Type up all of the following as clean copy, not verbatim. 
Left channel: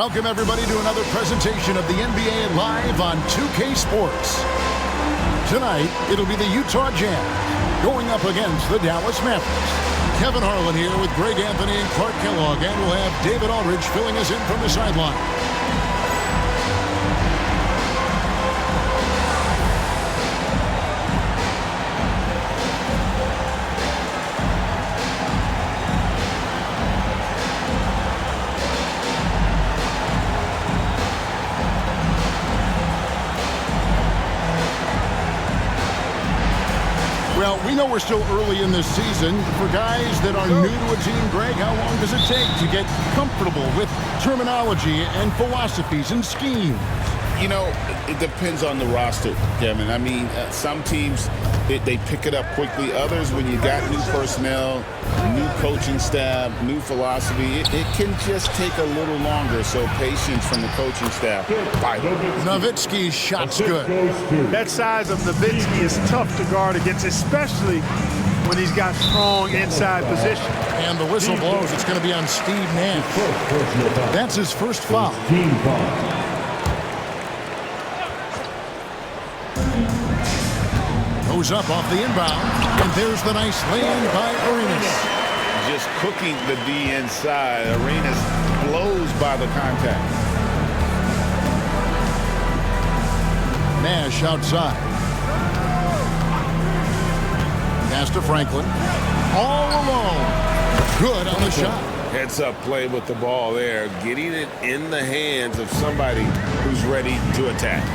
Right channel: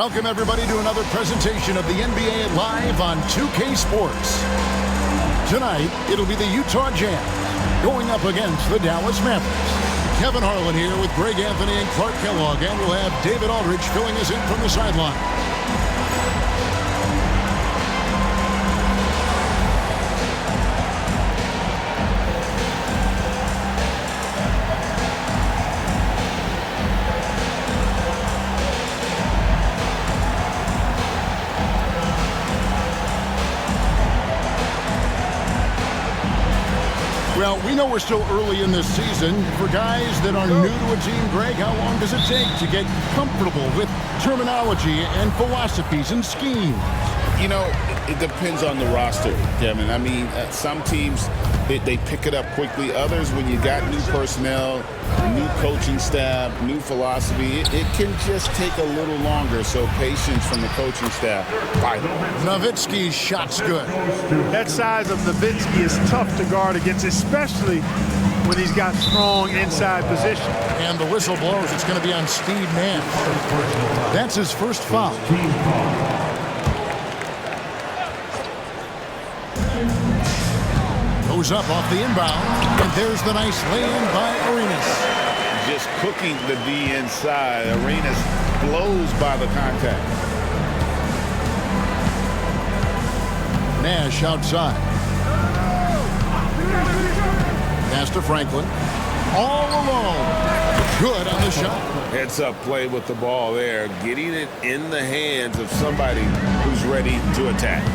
Welcome, everybody, to another presentation of the NBA Live on 2K Sports. Tonight, it'll be the Utah Jazz going up against the Dallas Mavericks. Kevin Harlan here with Greg Anthony and Clark Kellogg, and we'll have David Aldridge filling us in from the sideline. Well, we know we're still early in this season. For guys that are new to a team, Greg, how long does it take to get comfortable with terminology and philosophies and schemes? You know, it depends on the roster, Kevin. I mean, some teams, they pick it up quickly. Others, when you got new personnel, new coaching staff, new philosophy, it can just take a little longer. So patience from the coaching staff. Vital. Nowitzki's shot's good. That size of Nowitzki is tough to guard against, especially when he's got strong inside position. And the whistle blows. It's going to be on Steve Nash. That's his first foul. Team foul. Goes up off the inbound, and there's the nice lay-in by Arenas. Just cooking the D inside. Arenas blows by the contact. Nash outside. Pass to Franklin. All alone. Good on the shot. Heads-up play with the ball there. Getting it in the hands of somebody who's ready to attack.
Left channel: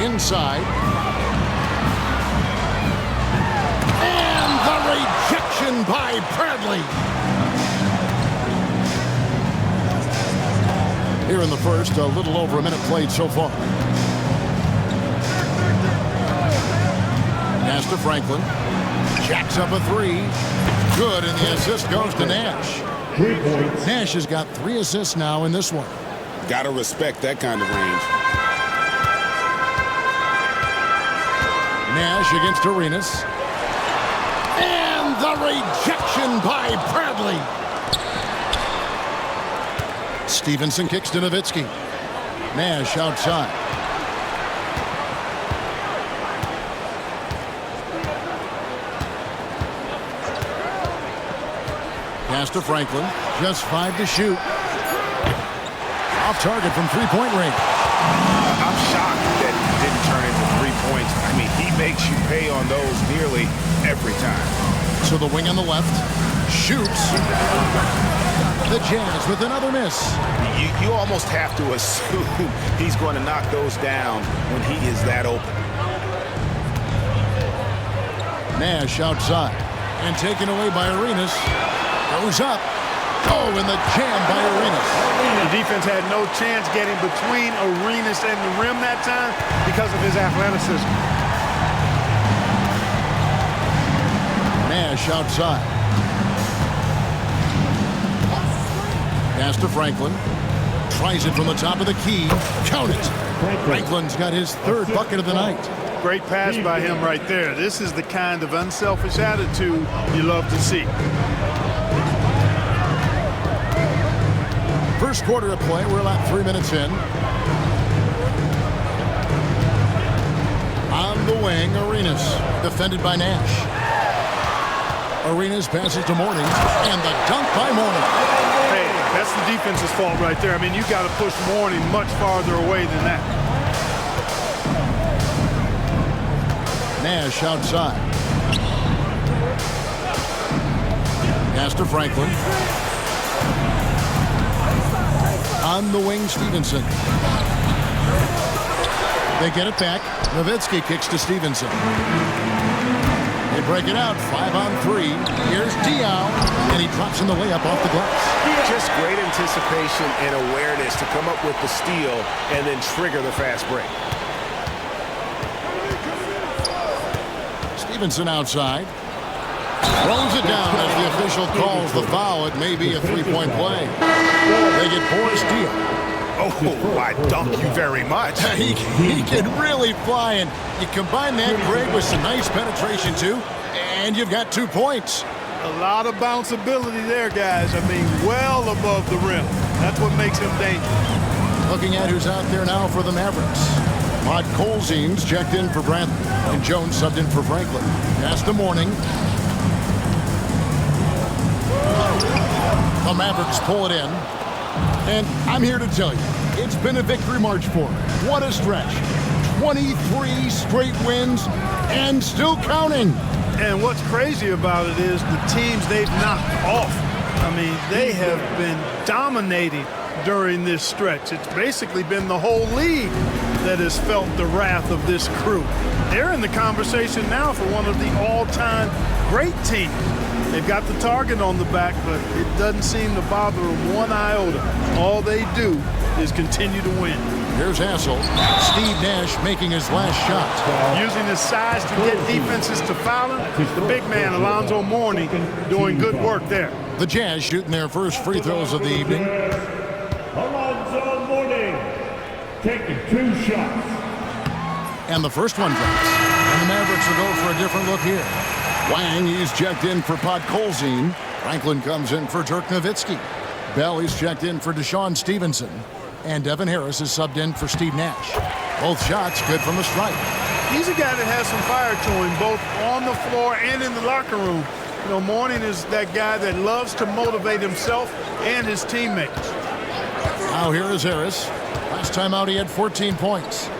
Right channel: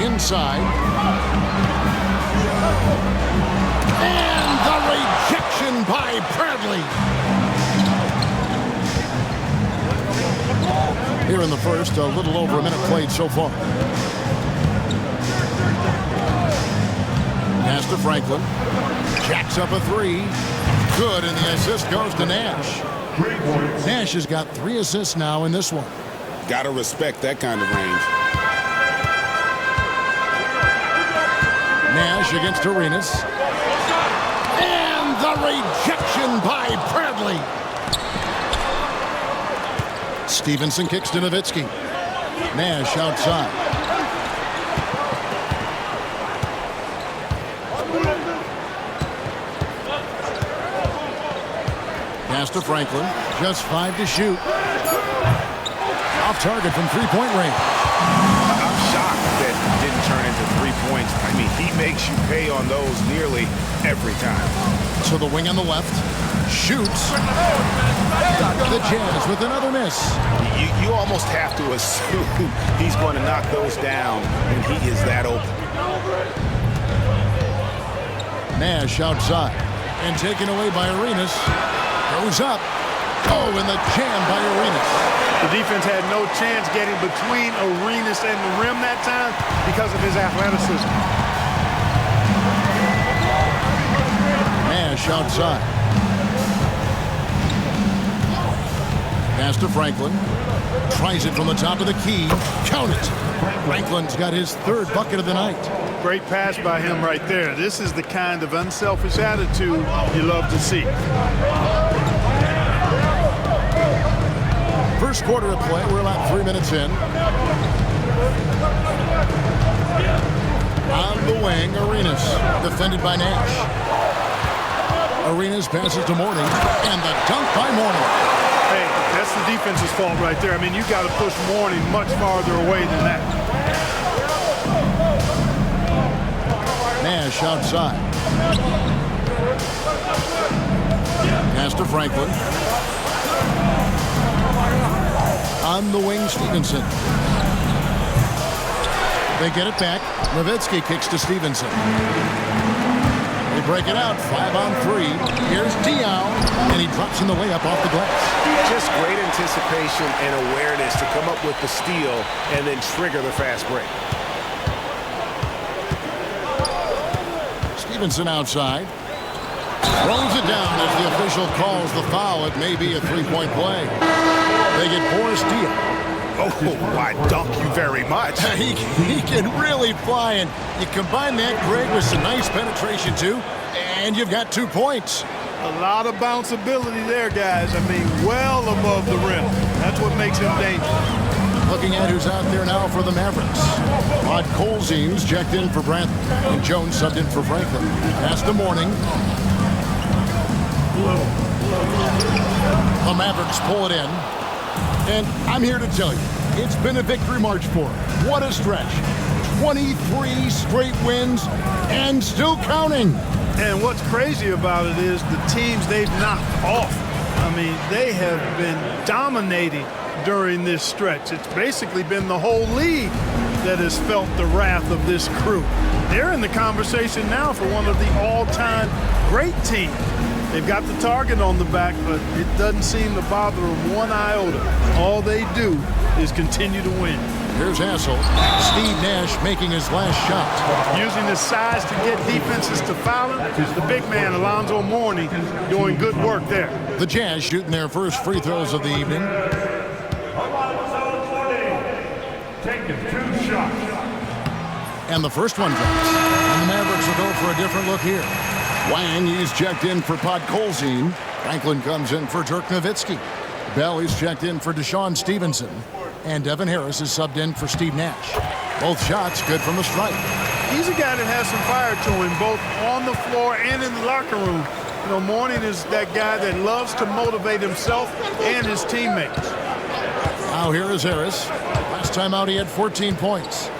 Inside. And the rejection by Bradley. Here in the first, a little over a minute played so far. Pass to Franklin. Jacks up a three. Good, and the assist goes to Nash. Nash has got 3 assists now in this one. Got to respect that kind of range. Nash against Arenas. And the rejection by Bradley. Stevenson kicks to Nowitzki. Nash outside. Pass to Franklin. Just 5 to shoot. Off target from three-point range. I'm shocked that didn't turn into 3 points. I mean, he makes you pay on those nearly every time. To the wing on the left. Shoots. The Jazz with another miss. You almost have to assume he's going to knock those down when he is that open. Nash outside. And taken away by Arenas. Goes up. Oh, and the jam by Arenas. The defense had no chance getting between Arenas and the rim that time because of his athleticism. Nash outside. Pass to Franklin. Tries it from the top of the key. Count it. Franklin's got his 3rd bucket of the night. Great pass by him right there. This is the kind of unselfish attitude you love to see. First quarter of play. We're about 3 minutes in. On the wing, Arenas. Defended by Nash. Arenas passes to Mourning. And the dunk by Mourning. Hey, that's the defense's fault right there. I mean, you got to push Mourning much farther away than that. Nash outside. Pass to Franklin. On the wing, Stevenson. They get it back. Nowitzki kicks to Stevenson. They break it out, 5 on 3. Here's Diaw, and he drops in the layup off the glass. Just great anticipation and awareness to come up with the steal and then trigger the fast break. Stevenson outside. Throws it down as the official calls the foul. It may be a 3-point play. They get Boris Diaw. Oh, I dunk you very much. He can really fly, and you combine that, Greg, with some nice penetration, too, and you've got 2 points. A lot of bounceability there, guys. I mean, well above the rim. That's what makes him dangerous. Looking at who's out there now for the Mavericks. Rod Colzine's checked in for Bradley, and Jones subbed in for Franklin. Pass to Mourning. The Mavericks pull it in. And I'm here to tell you, it's been a victory march for them. What a stretch. 23 straight wins and still counting. And what's crazy about it is the teams they've knocked off. I mean, they have been dominating during this stretch. It's basically been the whole league that has felt the wrath of this crew. They're in the conversation now for one of the all-time great teams. They've got the target on the back, but it doesn't seem to bother them one iota. All they do is continue to win. Here's Hassel. Steve Nash making his last shot. Using his size to get defenses to foul him. The big man, Alonzo Mourning, doing good work there. The Jazz shooting their first free throws of the evening. Alonzo Mourning taking 2 shots. And the first one drops. And the Mavericks will go for a different look here. Wang, he's checked in for Pod Colzine. Franklin comes in for Dirk Nowitzki. Bell, he's checked in for Deshaun Stevenson. And Devin Harris is subbed in for Steve Nash. Both shots good from the stripe. He's a guy that has some fire to him, both on the floor and in the locker room. You know, Mourning is that guy that loves to motivate himself and his teammates. Now here is Harris. Last time out he had 14 points.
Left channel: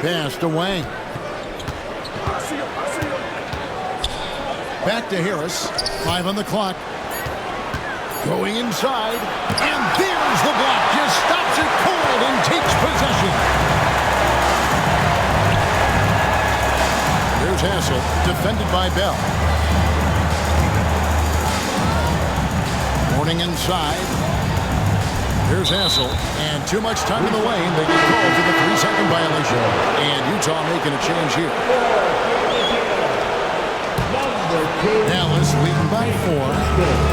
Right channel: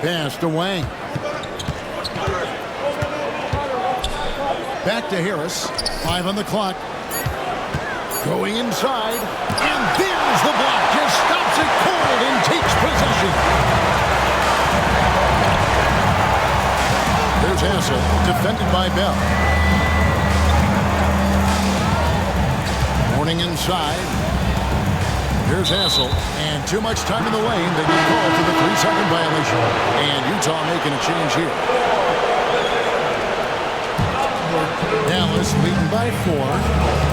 Pass to Wang. Back to Harris. 5 on the clock. Going inside, and there's the block. Just stops it cold and takes possession. Here's Hassel, defended by Bell. Mourning inside. Here's Hassel, and too much time in the lane. They get called for the 3-second violation. And Utah making a change here. Dallas leading by 4.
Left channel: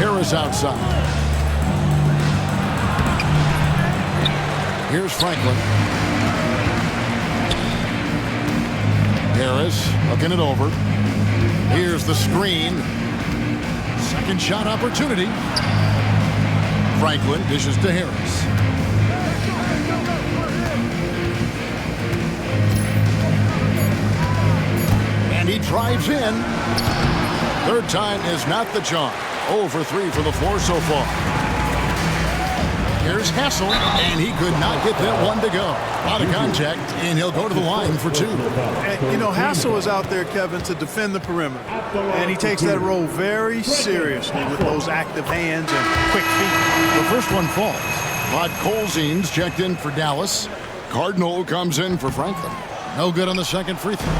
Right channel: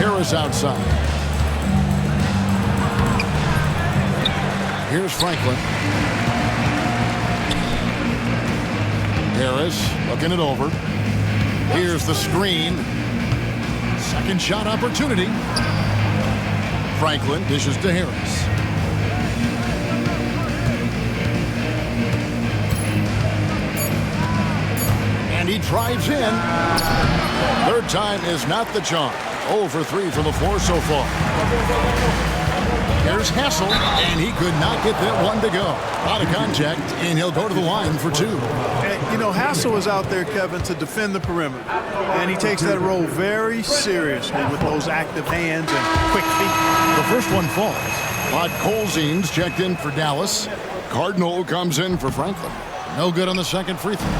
Harris outside. Here's Franklin. Harris looking it over. Here's the screen. Second shot opportunity. Franklin dishes to Harris. And he drives in. Third time is not the charm. 0 for 3 from the floor so far. Here's Hassel, and he could not get that one to go. A lot of contact, and he'll go to the line for 2. And, you know, Hassel is out there, Kevin, to defend the perimeter. And he takes that role very seriously with those active hands and quick feet. The first one falls. Rod Colzine's checked in for Dallas. Cardinal comes in for Franklin. No good on the second free throw.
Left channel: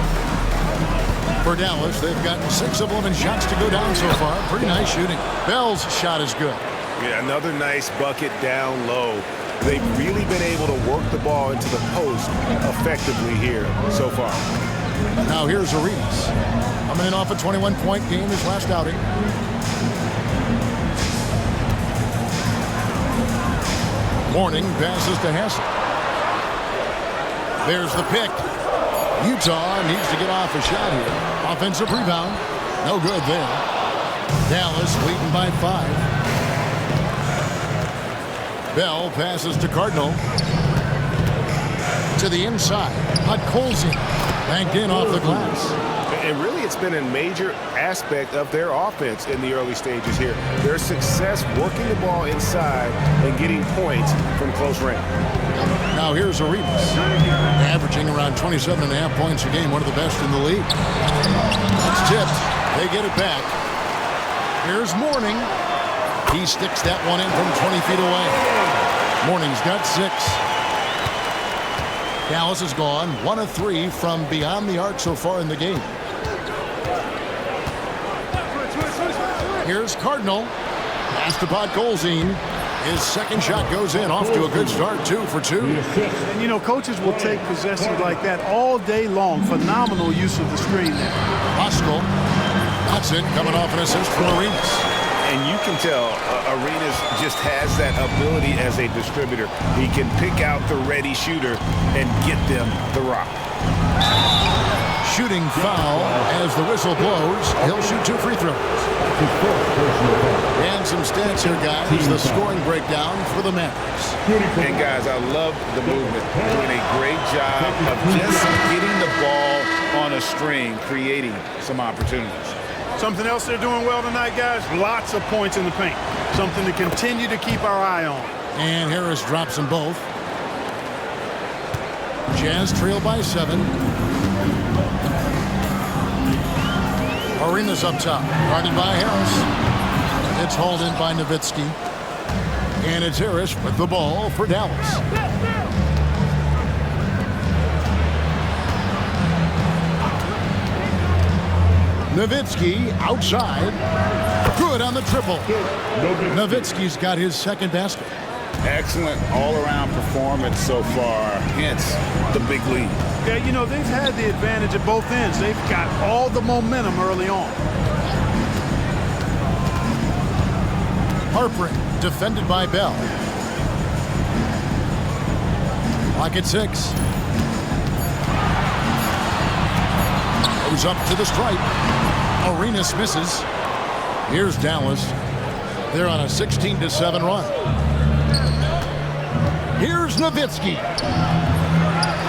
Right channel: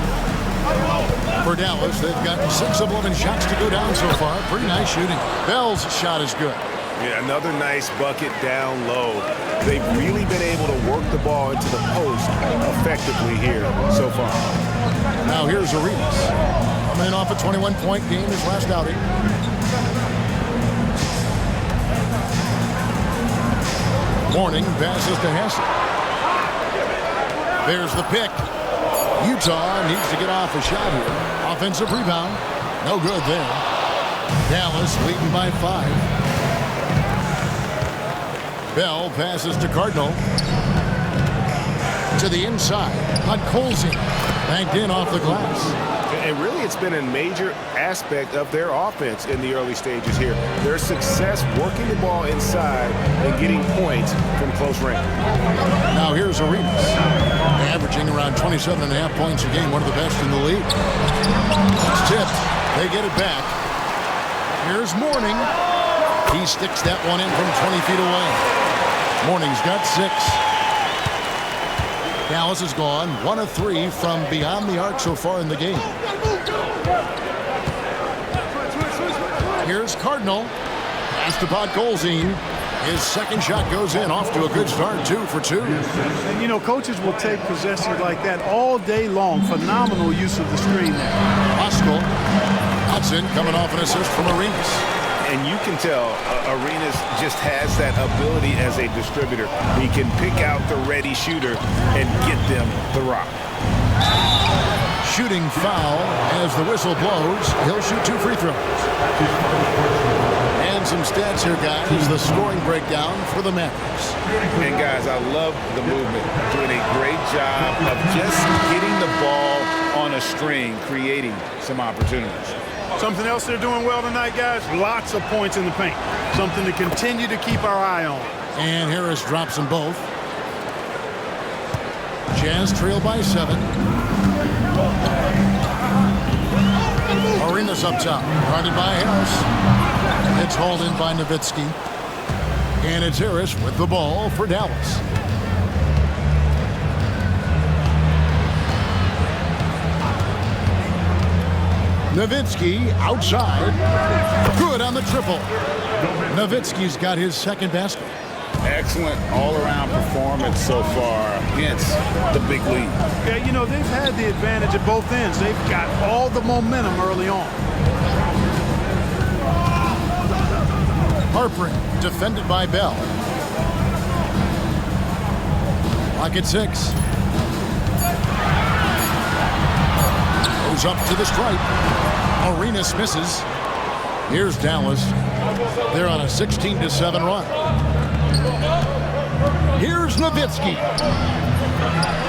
For Dallas, they've gotten 6 of 11 shots to go down so far. Pretty nice shooting. Bell's shot is good. Yeah, another nice bucket down low. They've really been able to work the ball into the post effectively here so far. Now here's Arenas. Coming in off a 21-point game his last outing. Mourning passes to Hassel. There's the pick. Utah needs to get off a shot here. Offensive rebound. No good there. Dallas leading by 5. Bell passes to Cardinal. To the inside. Hot Colzine. Banked in off the glass. And really, it's been a major aspect of their offense in the early stages here. Their success working the ball inside and getting points from close range. Now here's Arenas. Averaging around 27.5 points a game, one of the best in the league. That's tipped. They get it back. Here's Mourning. He sticks that one in from 20 feet away. Mourning's got 6. Dallas has gone 1 of 3 from beyond the arc so far in the game. Here's Cardinal. Pass to Pod Colzine. His second shot goes in, off to a good start, 2 for 2. And, you know, coaches will take possessions like that all day long. Phenomenal use of the screen there. Pascal. Hudson coming off an assist from Arenas. And you can tell Arenas just has that ability as a distributor. He can pick out the ready shooter and get them the rock. shooting foul as the whistle blows. He'll shoot 2 free throws. And some stats here, guys. The scoring breakdown for the Mavericks. And, guys, I love the movement. Doing a great job of just getting the ball on a string, creating some opportunities. Something else they're doing well tonight, guys, lots of points in the paint. Something to continue to keep our eye on. And Harris drops them both. Jazz trail by 7. Arenas up top, guarded by Harris. It's hauled in by Nowitzki. And it's Harris with the ball for Dallas. Nowitzki outside. Good on the triple. Nowitzki's got his second basket. Excellent all-around performance so far against the big lead. Yeah, you know, they've had the advantage at both ends. They've got all the momentum early on. Harpering, defended by Bell. Clock at 6. Goes up to the stripe. Arenas misses. Here's Dallas. They're on a 16-7 run. Here's Nowitzki.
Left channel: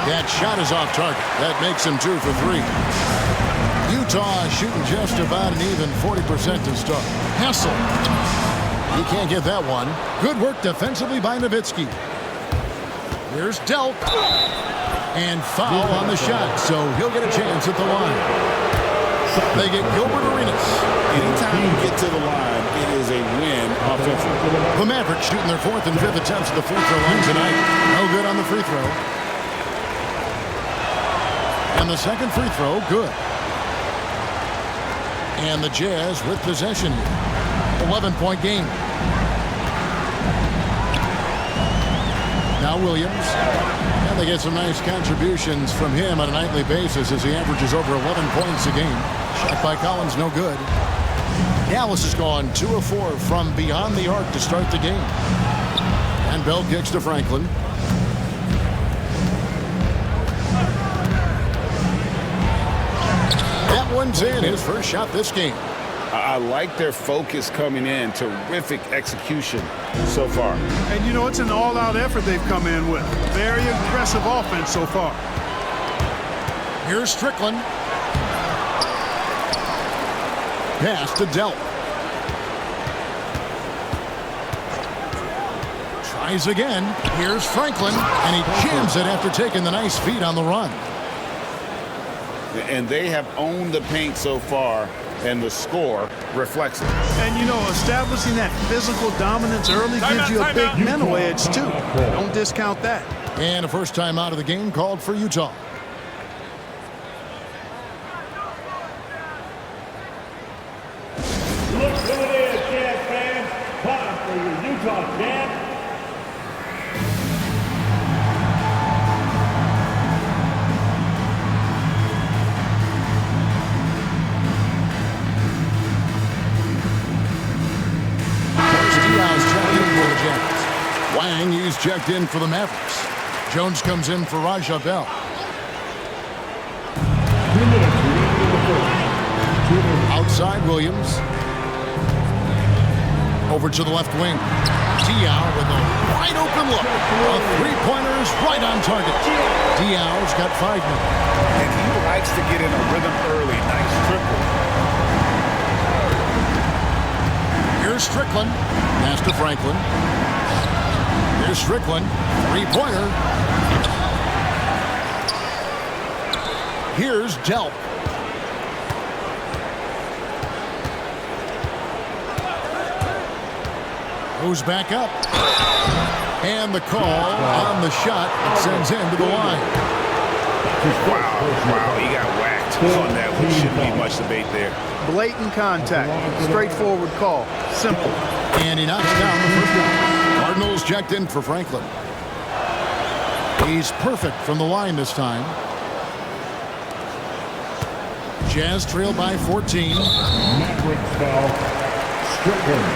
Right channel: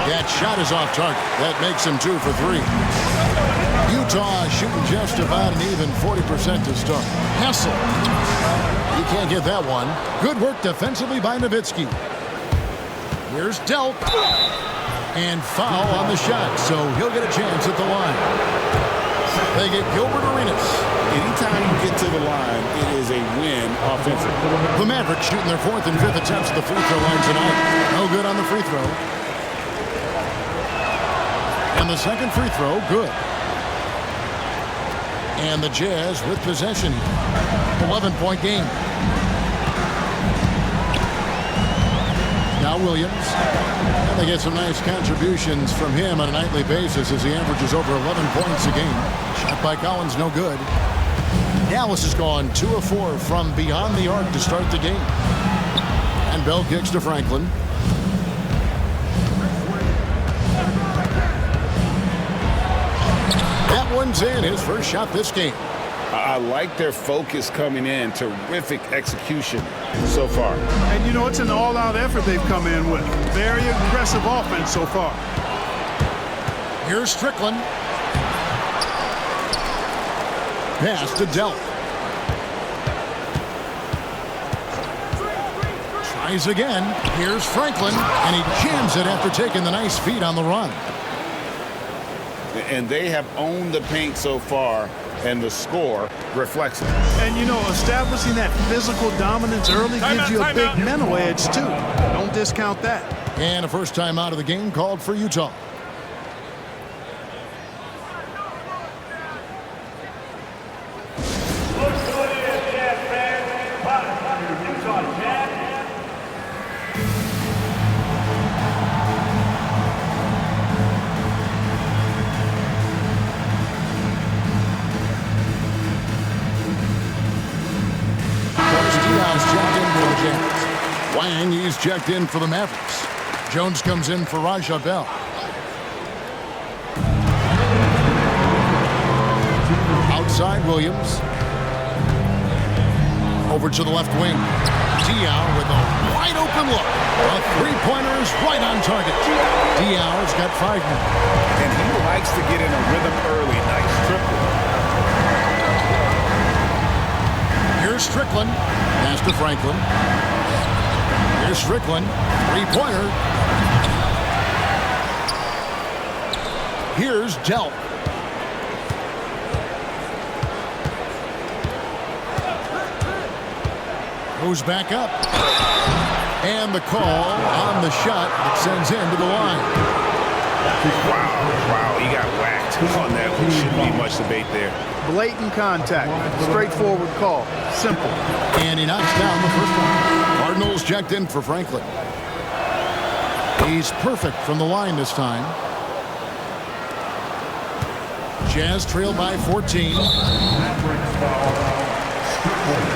That shot is off target. That makes him 2 for 3. Utah shooting just about an even 40% to start. Hessel. He can't get that one. Good work defensively by Nowitzki. Here's Delk. And foul on the shot, so he'll get a chance at the line. They get Gilbert Arenas. Anytime you get to the line, it is a win offensively. The Mavericks shooting their 4th and 5th attempts at the free throw line tonight. No good on the free throw. And the second free throw, good. And the Jazz with possession here. 11-point game. Now Williams. And they get some nice contributions from him on a nightly basis as he averages over 11 points a game. Shot by Collins, no good. Dallas has gone 2 of 4 from beyond the arc to start the game. And Bell kicks to Franklin. That one's in, his first shot this game. I like their focus coming in. Terrific execution so far. And, you know, it's an all-out effort they've come in with. Very aggressive offense so far. Here's Strickland. Pass to Delp. Tries again. Here's Franklin, and he jams it after taking the nice feed on the run. And they have owned the paint so far, and the score reflects it. And, you know, establishing that physical dominance early gives you a big mental edge, too. Don't discount that. And a first time out of the game called for Utah. Look good in, Jazz fans. Time for your Utah Jazz. Diaz checked in for the Jazz. Wang, he's checked in for the Mavericks. Jones comes in for Raja Bell. Outside Williams. Over to the left wing. Diaz with a wide open look. A three-pointer is right on target. Diaz's got 5 minutes. And he likes to get in a rhythm early. Nice triple. Here's Strickland. Pass to Franklin. Here's Strickland. Three-pointer. Here's Delp. Goes back up. And the call on the shot that sends him to the line. Wow, he got whacked on that one. Shouldn't be much debate there. Blatant contact. Straightforward call. Simple. And he knocks down the first one. Cardinals checked in for Franklin. He's perfect from the line this time. Jazz trail by 14. Mavericks foul. Strickland.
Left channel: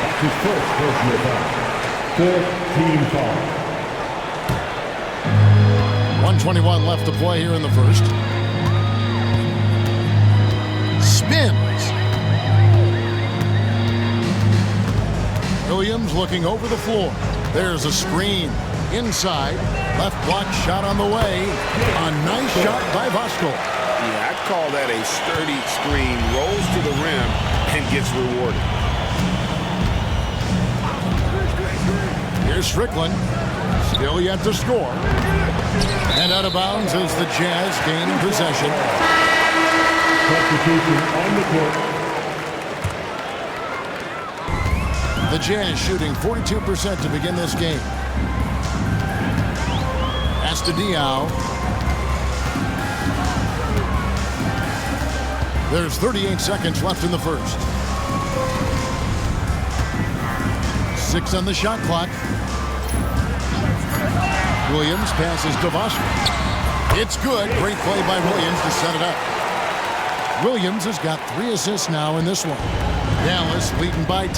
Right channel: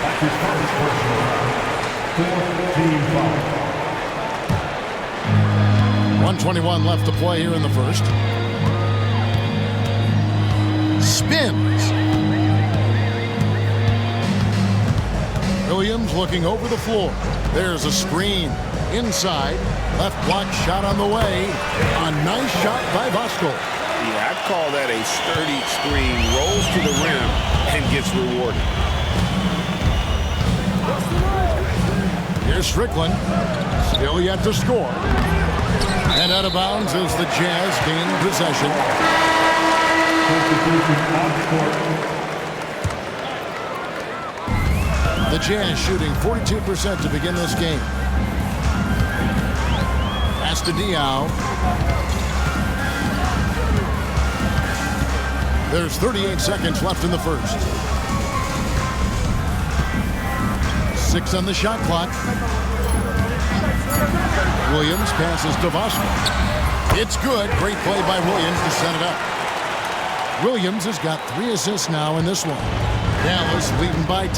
That's his first personal foul. 4th team foul. 1:21 left to play here in the first. spins. Williams looking over the floor. There's a screen. Inside. Left block shot on the way. A nice shot by Voskuhl. Yeah, I'd call that a sturdy screen. Rolls to the rim and gets rewarded. Here's Strickland. Still yet to score. And out of bounds as the Jazz gain possession. The Jazz shooting 42% to begin this game. Pass to Diaw. There's 38 seconds left in the first. 6 on the shot clock. Williams passes to Voskuhl. It's good. Great play by Williams to set it up. Williams has got 3 assists now in this one. Dallas leading by 10.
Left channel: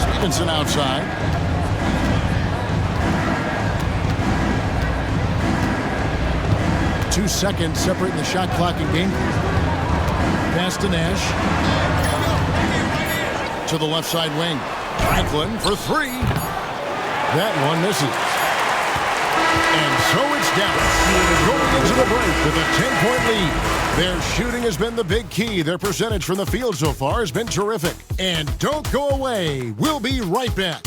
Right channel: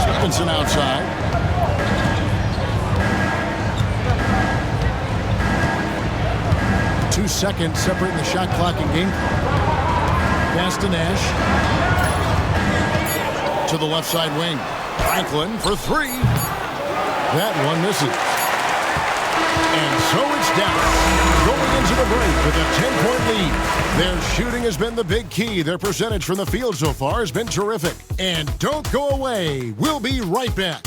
Stevenson outside. Two seconds separating the shot clock and game. Pass to Nash. To the left side wing. Franklin for 3. That one misses. And so it's Dallas going into the break with a 10-point lead. Their shooting has been the big key. Their percentage from the field so far has been terrific. And don't go away. We'll be right back.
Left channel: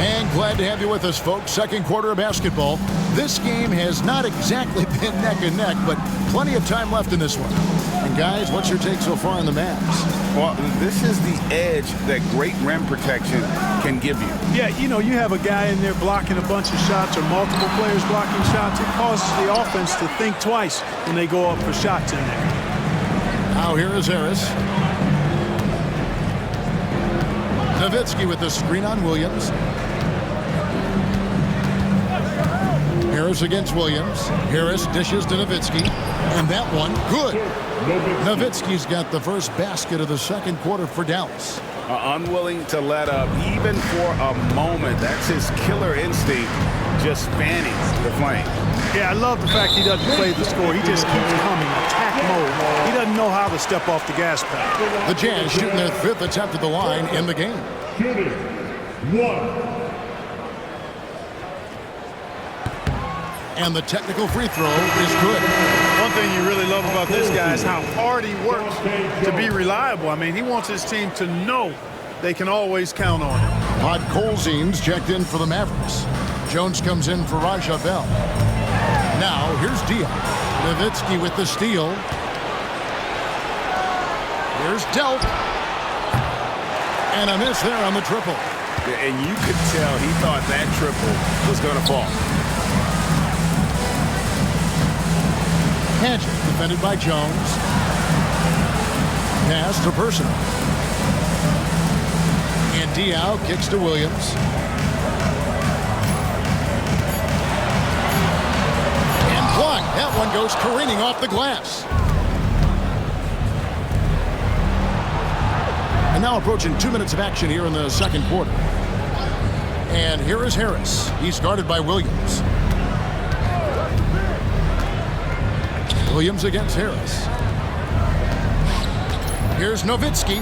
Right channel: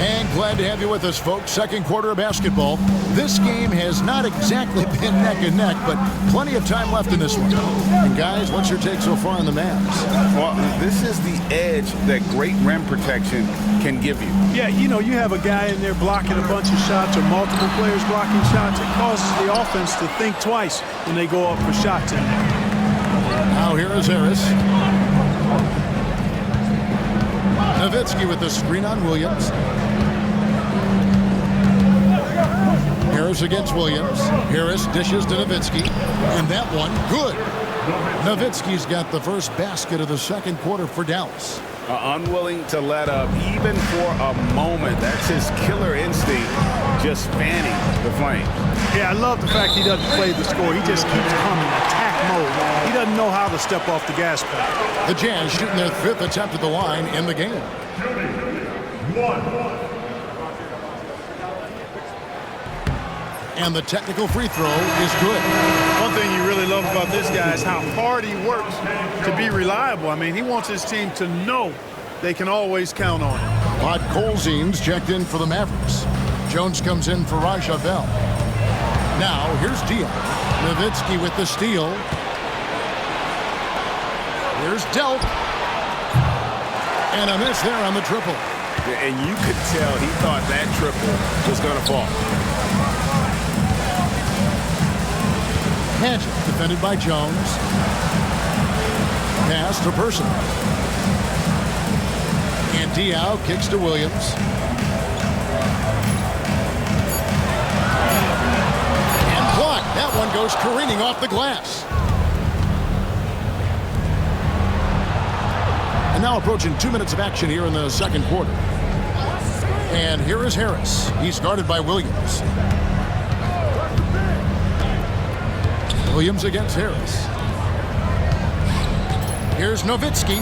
And glad to have you with us, folks. Second quarter of basketball. This game has not exactly been neck and neck, but plenty of time left in this one. And guys, what's your take so far on the Mavs? Well, this is the edge that great rim protection can give you. Yeah, you know, you have a guy in there blocking a bunch of shots or multiple players blocking shots. It causes the offense to think twice when they go up for shots in there. Now here is Harris. Nowitzki with the screen on Williams. Harris against Williams. Harris dishes to Nowitzki. And that one, good. Nowitzki's got the first basket of the second quarter for Dallas. Unwilling to let up, even for a moment. That's his killer instinct, just fanning the flames. Yeah, I love the fact he doesn't play the score. He just keeps coming, attack mode. He doesn't know how to step off the gas pedal. The Jazz shooting their 5th attempt at the line in the game. Shooting 1. And the technical free throw is good. One thing you really love about this guy is how hard he works to be reliable. I mean, he wants his team to know they can always count on him. Podkolzin's checked in for the Mavericks. Jones comes in for Raja Bell. Now, here's Diaw. Nowitzki with the steal. Here's Delk. And a miss there on the triple. And you could tell he thought that triple was going to fall. Padgett defended by Jones. Pass to Person. And Diaw kicks to Williams. And blocked. That one goes careening off the glass. And now approaching 2 minutes of action here in the second quarter. And here is Harris. He's guarded by Williams. Williams against Harris. Here's Nowitzki.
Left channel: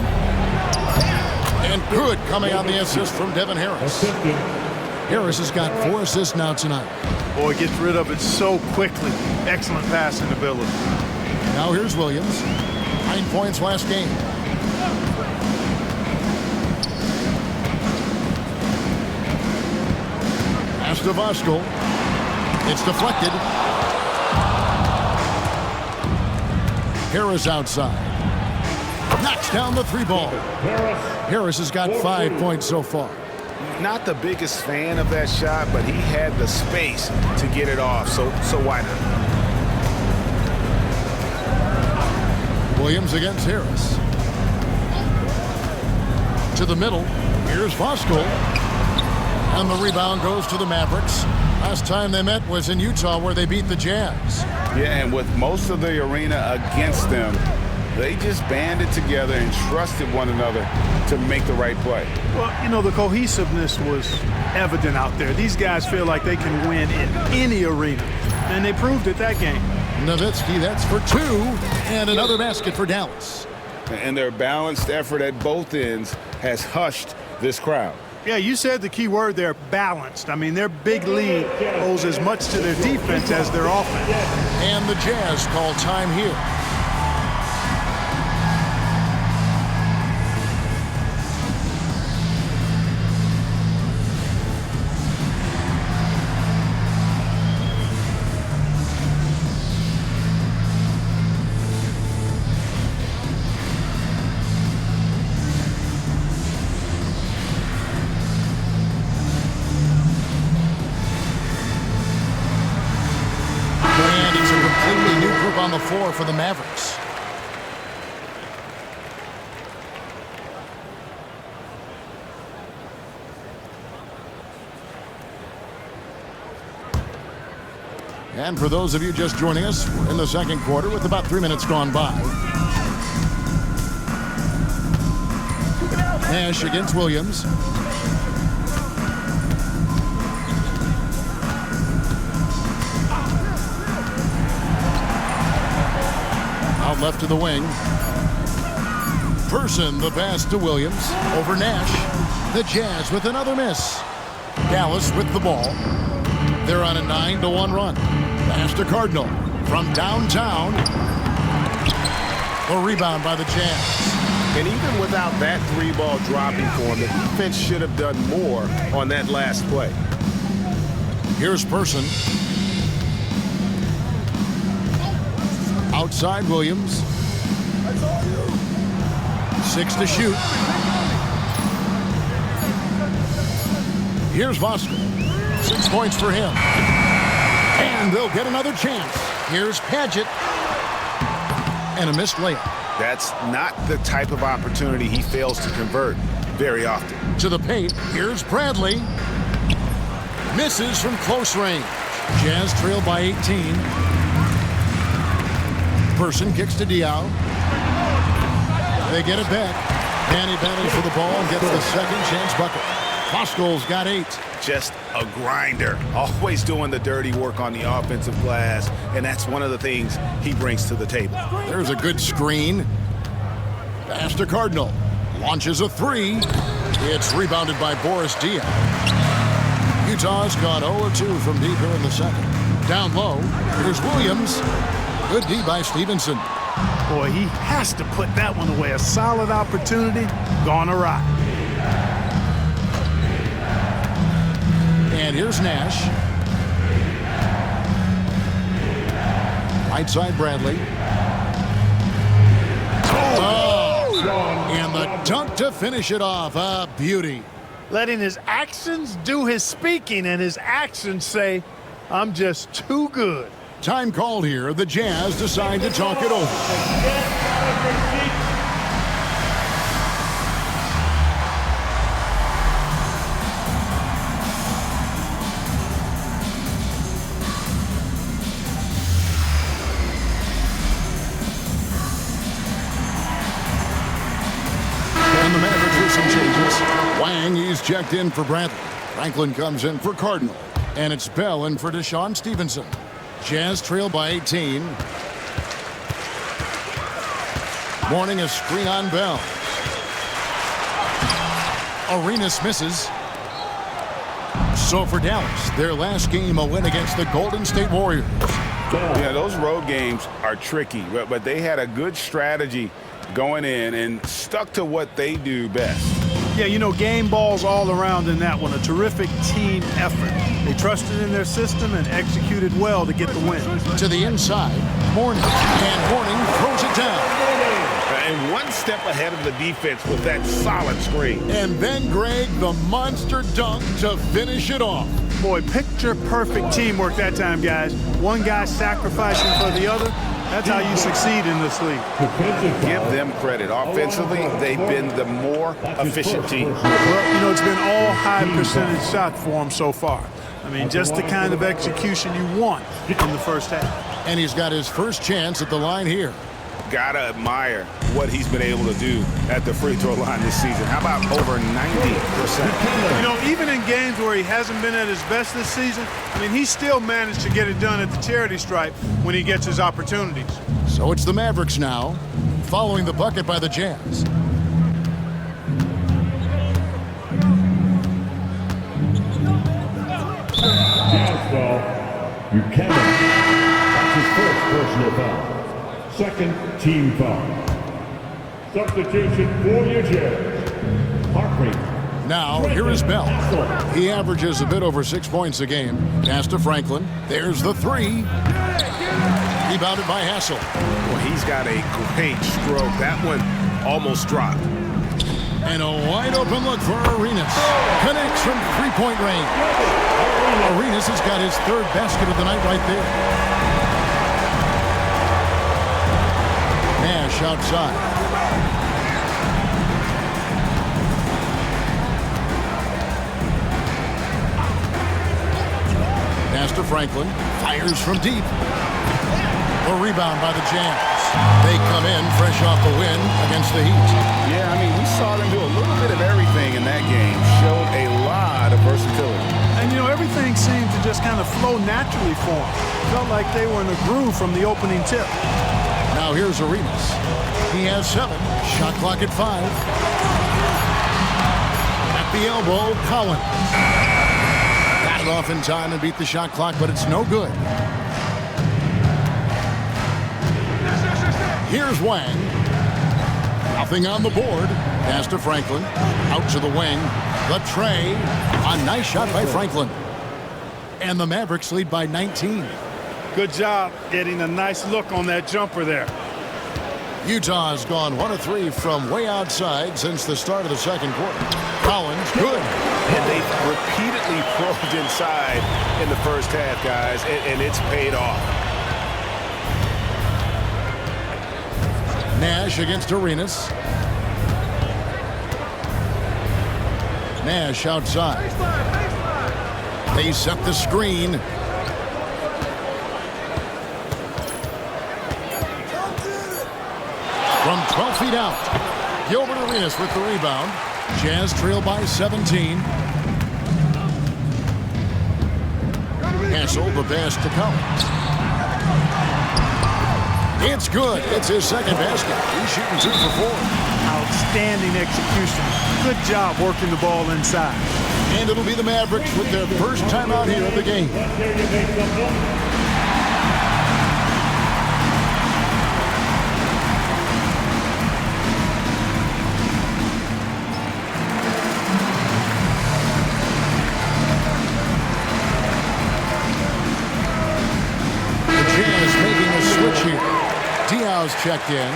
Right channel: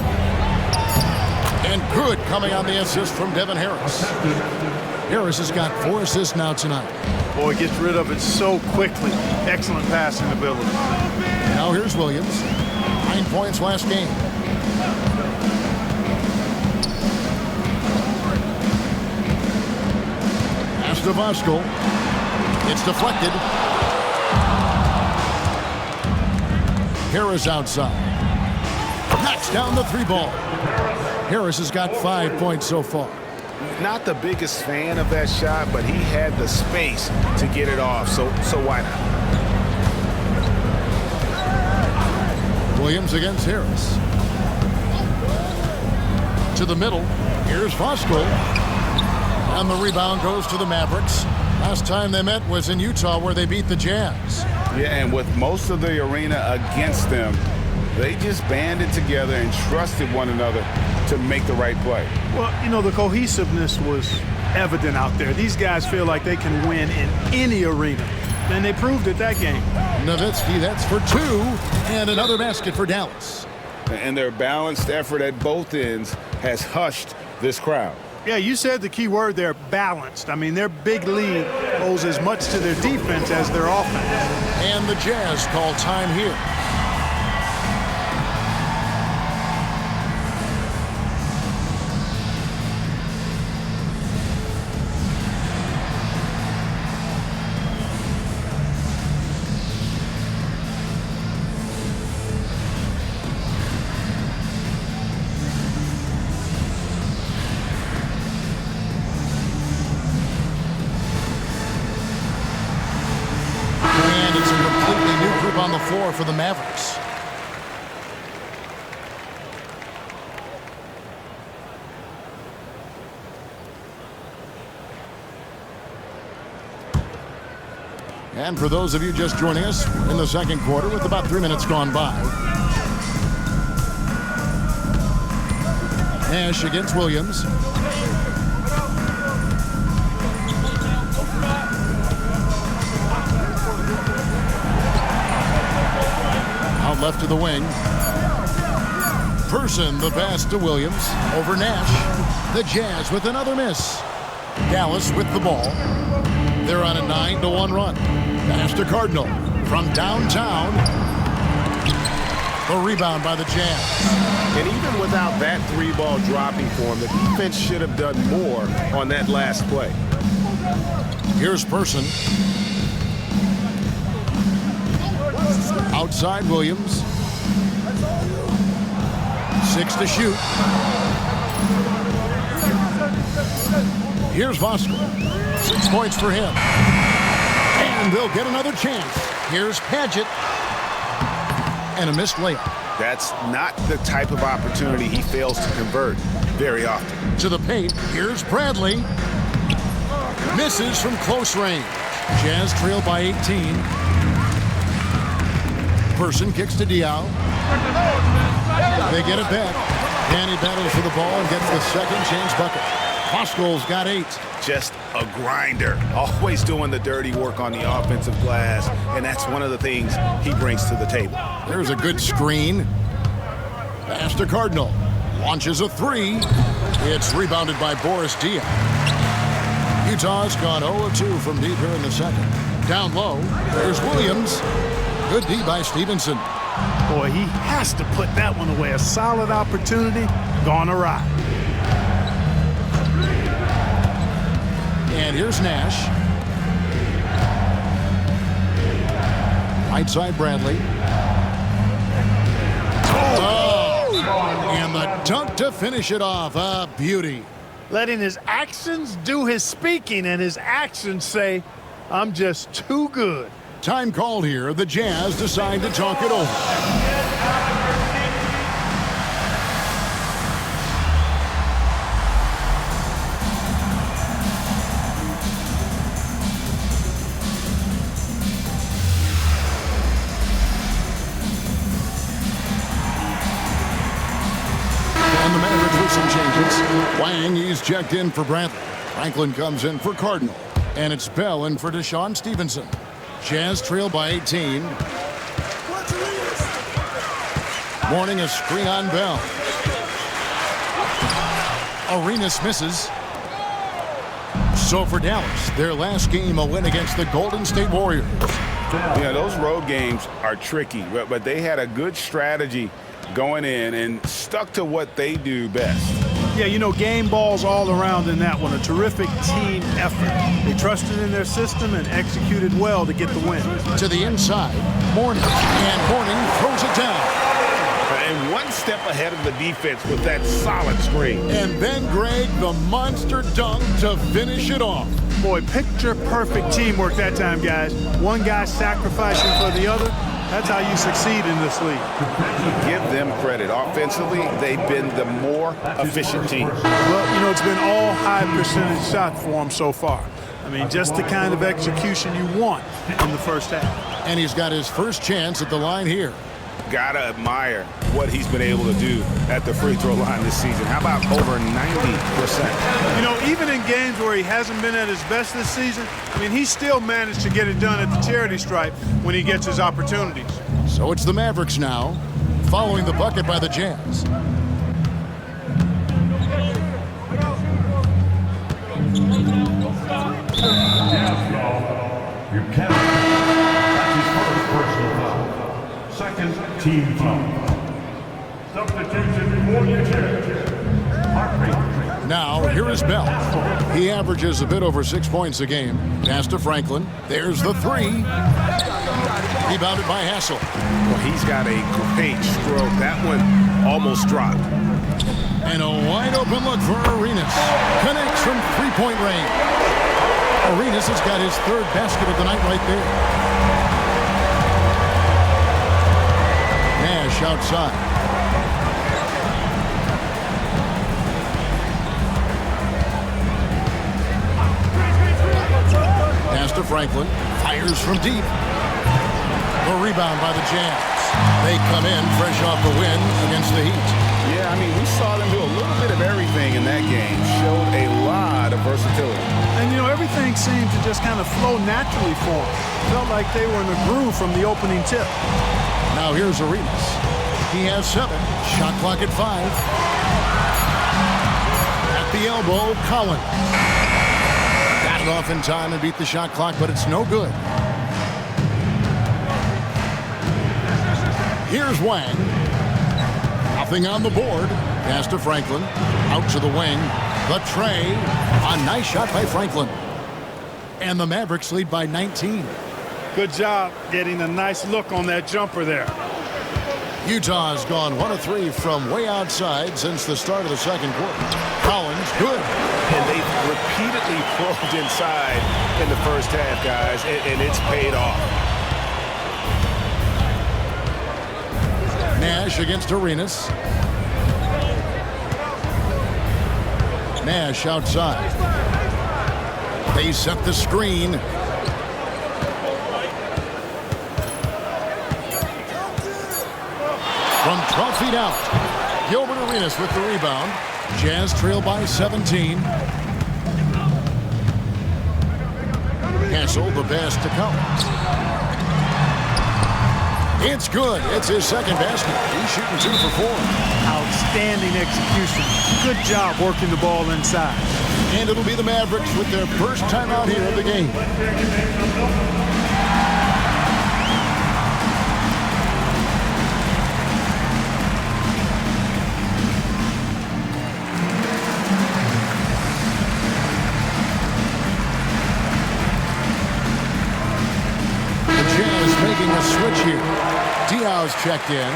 And good coming on the assist from Devin Harris. Harris has got 4 assists now tonight. Boy, gets rid of it so quickly. Excellent passing ability. Now here's Williams. 9 points last game. Pass to Voskuhl. It's deflected. Harris outside. Knocks down the 3 ball. Harris has got 5 points so far. Not the biggest fan of that shot, but he had the space to get it off, so why not? Williams against Harris. To the middle. Here's Voskuhl. And the rebound goes to the Mavericks. Last time they met was in Utah, where they beat the Jazz. Yeah, and with most of the arena against them, they just banded together and trusted one another to make the right play. Well, you know, the cohesiveness was evident out there. These guys feel like they can win in any arena, and they proved it that game. Nowitzki, that's for 2, and another basket for Dallas. And their balanced effort at both ends has hushed this crowd. Yeah, you said the key word there, balanced. I mean, their big lead owes as much to their defense as their offense. And the Jazz call time here. On the floor for the Mavericks. And for those of you just joining us, we're in the second quarter with about 3 minutes gone by. Nash against Williams. Out left to the wing. Person the pass to Williams. Over Nash. The Jazz with another miss. Dallas with the ball. They're on a 9-1 run. Pass to Cardinal. From downtown. The rebound by the Jazz. And even without that 3-ball dropping for him, the defense should have done more on that last play. Here's Person. Outside Williams. 6 to shoot. Here's Voskuhl. 6 points for him. And they'll get another chance. Here's Padgett. And a missed layup. That's not the type of opportunity he fails to convert very often. To the paint. Here's Bradley. Misses from close range. Jazz trail by 18. Person kicks to Diaw. They get it back. And he battles for the ball and gets the second chance bucket. Voskuhl's got 8. Just a grinder. Always doing the dirty work on the offensive glass. And that's one of the things he brings to the table. There's a good screen. Pass to Cardinal. Launches a 3. It's rebounded by Boris Diaw. Utah's gone 0-2 from deep here in the second. Down low. There's Williams. Good D by Stevenson. Boy, he has to put that one away. A solid opportunity gone awry. And here's Nash. Right side Bradley. Oh! And the dunk to finish it off. A beauty. Letting his actions do his speaking and his actions say, I'm just too good. Time called here. The Jazz decide to talk it over. And the Mavericks with some changes. Wang, he's checked in for Bradley. Franklin comes in for Cardinal. And it's Bell in for Deshaun Stevenson. Jazz trail by 18. Morning a screen on Bell. Arenas misses. So for Dallas, their last game a win against the Golden State Warriors. Yeah, those road games are tricky, but they had a good strategy going in and stuck to what they do best. Yeah, you know, game balls all around in that one. A terrific team effort. They trusted in their system and executed well to get the win. To the inside, Mourning. And Mourning throws it down. And one step ahead of the defense with that solid screen. And then Greg, the monster dunk to finish it off. Boy, picture perfect teamwork that time, guys. One guy sacrificing for the other. That's how you succeed in this league. Give them credit. Offensively, they've been the more efficient team. Well, you know, it's been all high percentage shots for him so far. I mean, just the kind of execution you want in the first half. And he's got his first chance at the line here. Gotta admire what he's been able to do at the free throw line this season. How about over 90%? You know, even in games where he hasn't been at his best this season, I mean, he's still managed to get it done at the charity stripe when he gets his opportunities. So it's the Mavericks now, following the bucket by the Jazz. Jazz foul. Buchanan. That's his first personal foul. Second team foul. Substitution for Utah. Harpreet. Now, here is Bell. He averages a bit over 6 points a game. Pass to Franklin. There's the three. Rebounded by Hassel. Well, he's got a great stroke. That one almost dropped. And a wide open look for Arenas. Connects from three-point range. Arenas has got his third basket of the night right there. Nash outside. Pass to Franklin. Fires from deep. The rebound by the Jazz. They come in fresh off the win against the Heat. Yeah, I mean, we saw them do a little bit of everything in that game. Showed a lot of versatility. And, you know, everything seemed to just kind of flow naturally for them. Felt like they were in a groove from the opening tip. Now here's Arenas. He has 7. Shot clock at 5. At the elbow, Collins. Got it off in time and beat the shot clock, but it's no good. Here's Wang. Nothing on the board. Pass to Franklin. Out to the wing. The tray. A nice shot by Franklin. And the Mavericks lead by 19. Good job getting a nice look on that jumper there. Utah's gone 1 of 3 from way outside since the start of the second quarter. Collins, good. And they've repeatedly probed inside in the first half, guys, and it's paid off. Nash against Arenas. Nash outside. They set the screen. From 12 feet out, Gilbert Arenas with the rebound. Jazz trail by 17. Hassel the pass to Collins. It's good. It's his second basket. He's shooting 2 for 4. Outstanding execution. Good job working the ball inside. And it'll be the Mavericks with their first time out here of the game. The Jazz making a switch here. Diaw's checked in.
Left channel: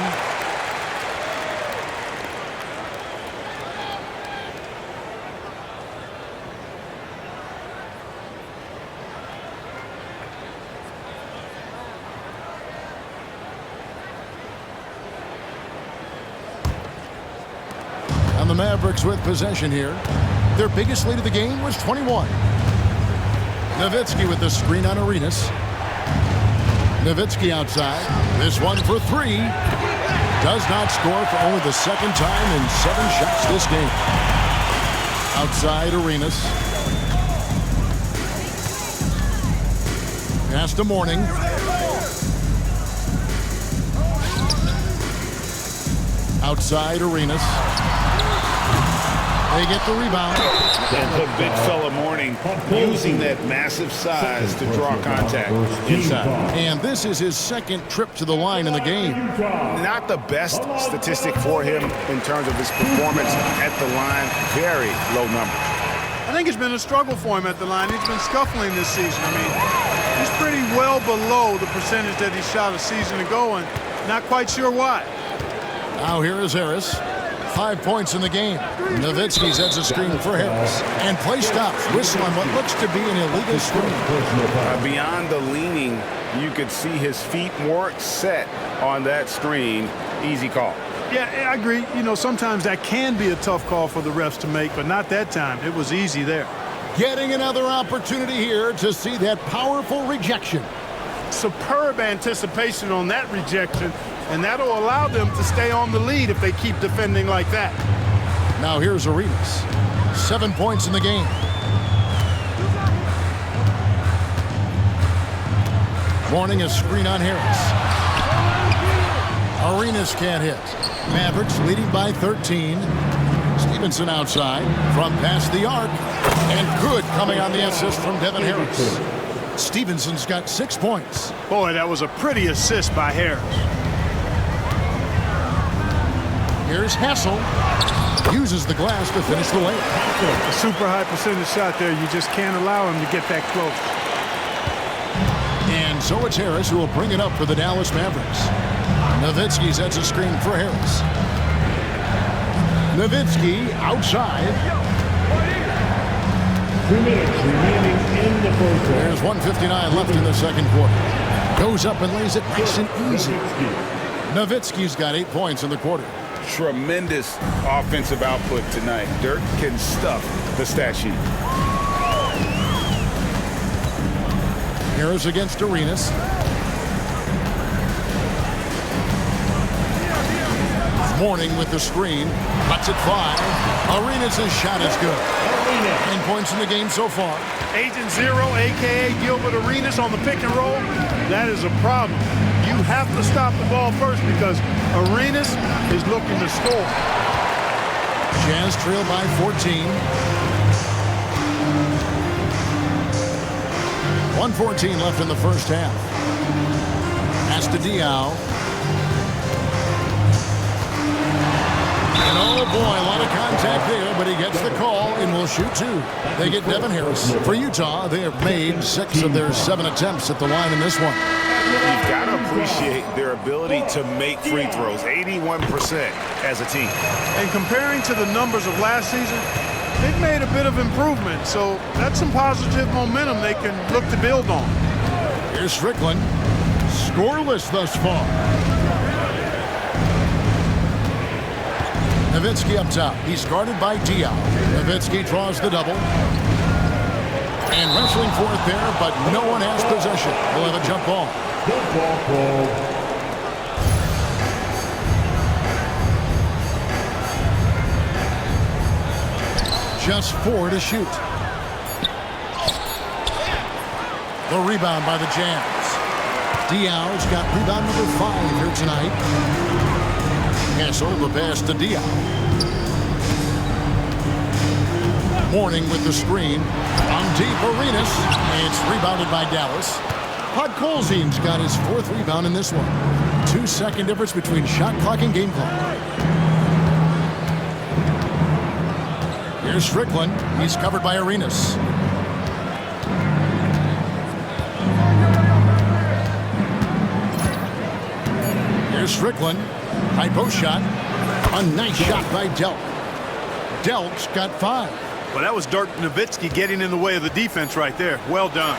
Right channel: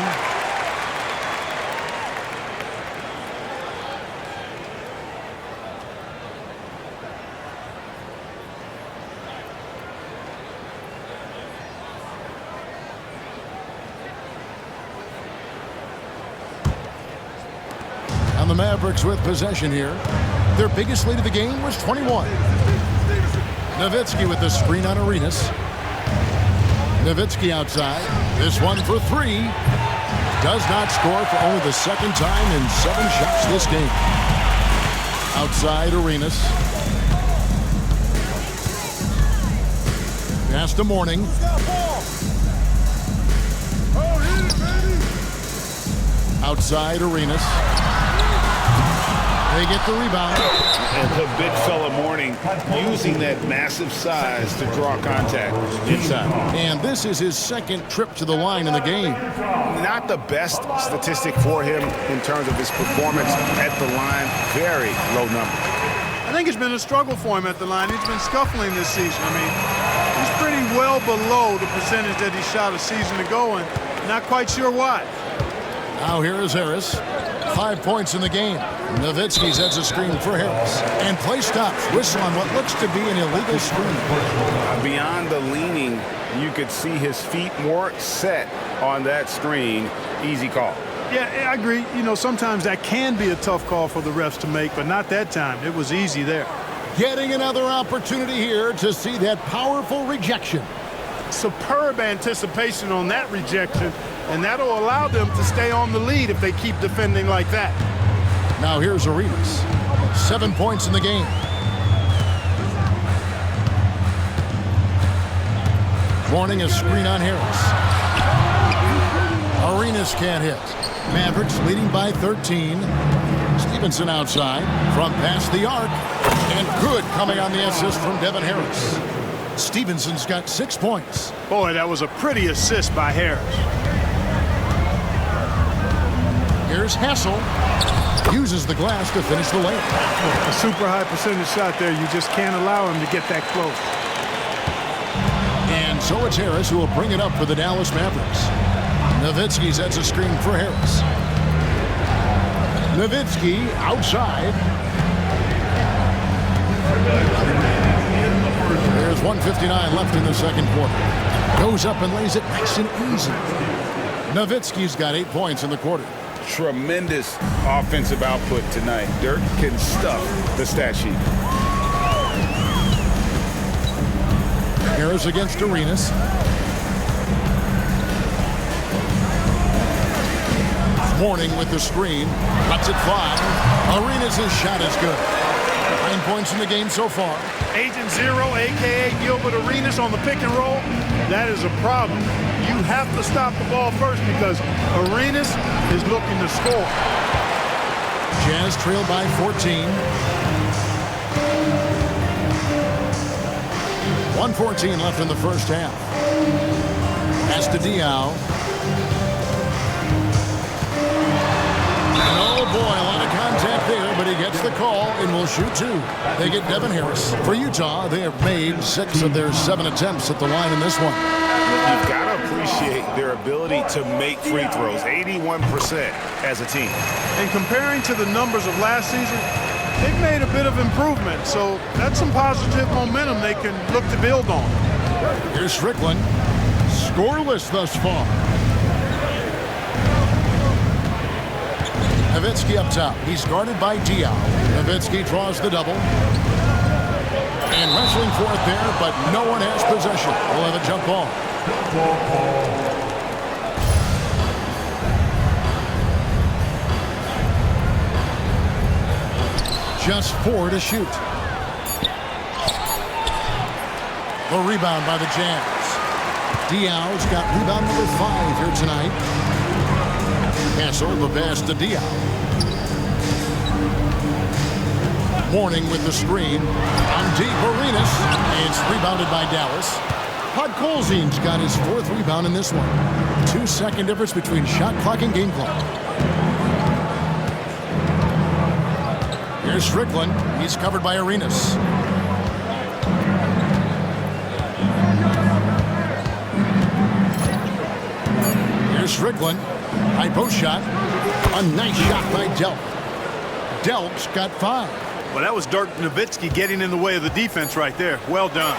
And the Mavericks with possession here. Their biggest lead of the game was 21. Nowitzki with the screen on Arenas. Nowitzki outside. This one for 3. Does not score for only the second time in 7 shots this game. Outside Arenas. Pass to Mourning. Outside Arenas. They get the rebound. And the big fella Mourning using that massive size to draw contact inside. And this is his second trip to the line in the game. Not the best statistic for him in terms of his performance at the line. Very low numbers. I think it's been a struggle for him at the line. He's been scuffling this season. I mean, he's pretty well below the percentage that he shot a season ago, and not quite sure why. Now here is Harris. 5 points in the game. Nowitzki sets a screen for Harris. And play stops. Whistle on what looks to be an illegal screen. Beyond the leaning, you could see his feet weren't set on that screen. Easy call. Yeah, I agree. You know, sometimes that can be a tough call for the refs to make, but not that time. It was easy there. Getting another opportunity here to see that powerful rejection. Superb anticipation on that rejection, and that'll allow them to stay on the lead if they keep defending like that. Now here's Arenas. 7 points in the game. Warning, a screen on Harris. Arenas can't hit. Mavericks leading by 13. Stevenson outside from past the arc. And good coming on the assist from Devin Harris. Stevenson's got 6 points. Boy, that was a pretty assist by Harris. Here's Hassel. Uses the glass to finish the layup. A super high percentage shot there. You just can't allow him to get that close. And so it's Harris who will bring it up for the Dallas Mavericks. Nowitzki sets a screen for Harris. Nowitzki outside. There's 1:59 left in the second quarter. Goes up and lays it nice and easy. Nowitzki's got 8 points in the quarter. Tremendous offensive output tonight. Dirk can stuff the stat sheet. Harris against Arenas. Morning with the screen. Lets it fly. Arenas' shot is good. 9 points in the game so far. Agent Zero, a.k.a. Gilbert Arenas on the pick and roll. That is a problem. You have to stop the ball first because Arenas is looking to score. Jazz trail by 14. 1:14 left in the first half. Pass to Diaw. And oh boy, a lot of contact there, but he gets the call and will shoot 2. They get Devin Harris. For Utah, they have made 6 of their 7 attempts at the line in this one. You've got to appreciate their ability to make free throws, 81% as a team. And comparing to the numbers of last season, they've made a bit of improvement, so that's some positive momentum they can look to build on. Here's Strickland. Scoreless thus far. Nowitzki up top. He's guarded by Diaw. Nowitzki draws the double. And wrestling for it there, but no one has possession. We'll have a jump ball. Just 4 to shoot. The rebound by the Jazz. Diaw's got rebound number 5 here tonight. Hassel, the pass to Diaw. Morning with the screen. On deep, Arenas. It's rebounded by Dallas. Podkolzin's got his 4th rebound in this one. 2-second difference between shot clock and game clock. Here's Strickland. He's covered by Arenas. Here's Strickland. High post shot. A nice shot by Delk. Delk's got 5. Well, that was Dirk Nowitzki getting in the way of the defense right there. Well done.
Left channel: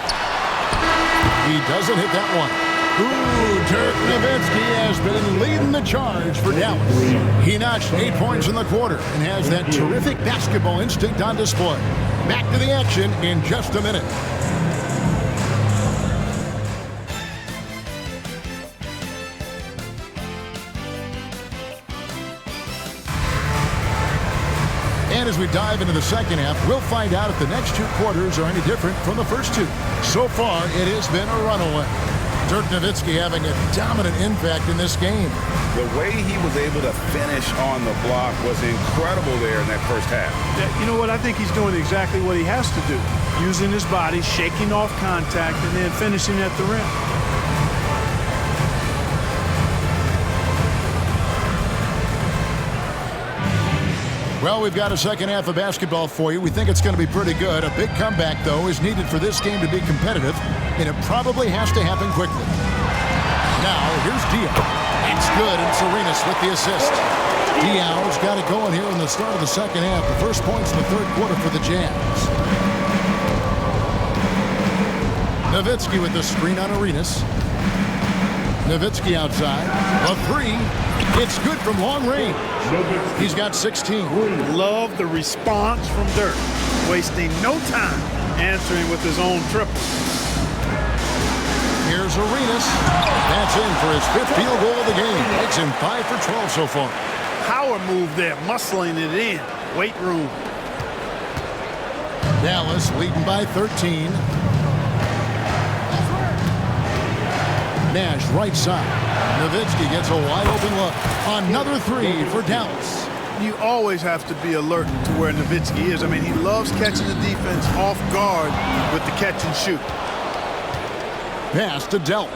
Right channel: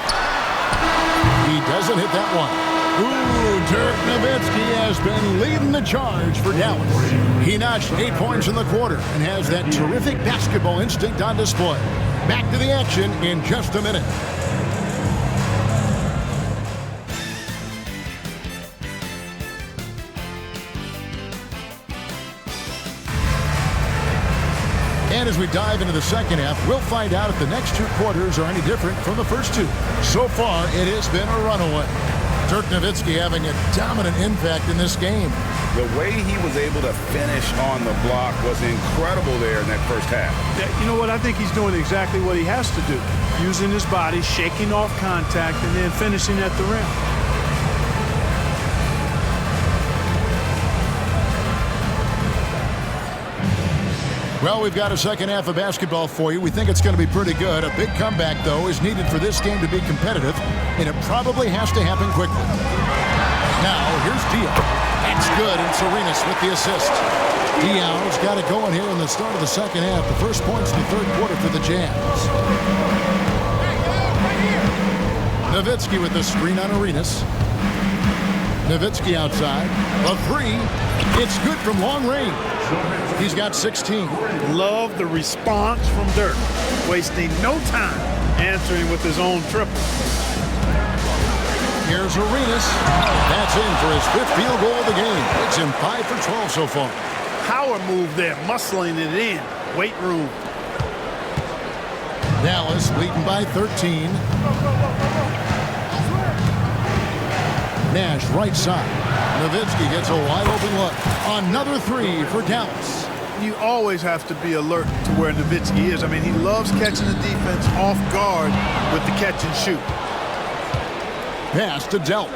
He doesn't hit that one. Ooh, Dirk Nowitzki has been leading the charge for Dallas. He notched 8 points in the quarter and has that terrific basketball instinct on display. Back to the action in just a minute. And as we dive into the second half, we'll find out if the next 2 quarters are any different from the first 2. So far, it has been a runaway. Dirk Nowitzki having a dominant impact in this game. The way he was able to finish on the block was incredible there in that first half. Yeah, you know what? I think he's doing exactly what he has to do. Using his body, shaking off contact, and then finishing at the rim. Well, we've got a second half of basketball for you. We think it's going to be pretty good. A big comeback, though, is needed for this game to be competitive, and it probably has to happen quickly. Now, here's Diaw. That's good, and Arenas with the assist. Diaw's got it going here in the start of the second half. The first points in the third quarter for the Jazz. Nowitzki with the screen on Arenas. Nowitzki outside. A three. It's good from long range. He's got 16. Love the response from Dirk. Wasting no time answering with his own triple. Here's Arenas. That's in for his 5th field goal of the game. Makes him 5 for 12 so far. Power move there, muscling it in. Weight room. Dallas leading by 13. Nash right side. Nowitzki gets a wide open look. Another three for Dallas. You always have to be alert to where Nowitzki is. I mean, he loves catching the defense off guard with the catch and shoot. Pass to Delk.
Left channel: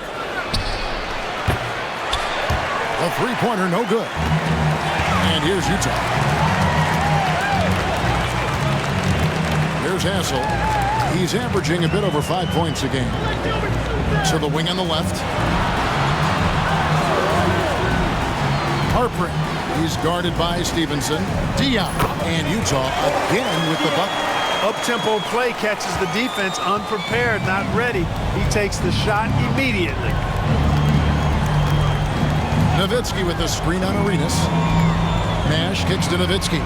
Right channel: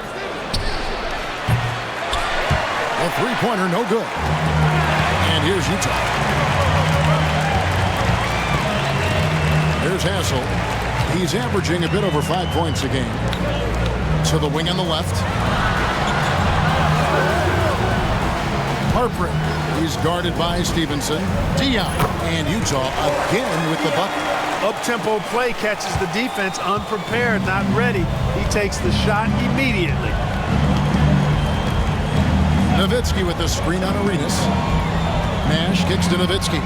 A three-pointer, no good. And here's Utah. Here's Hassel. He's averaging a bit over 5 points a game. To the wing on the left. Harper. He's guarded by Stevenson. Diaw. And Utah again with the bucket. Up-tempo play catches the defense unprepared, not ready. He takes the shot immediately. Nowitzki with the screen on Arenas. Nash kicks to Nowitzki.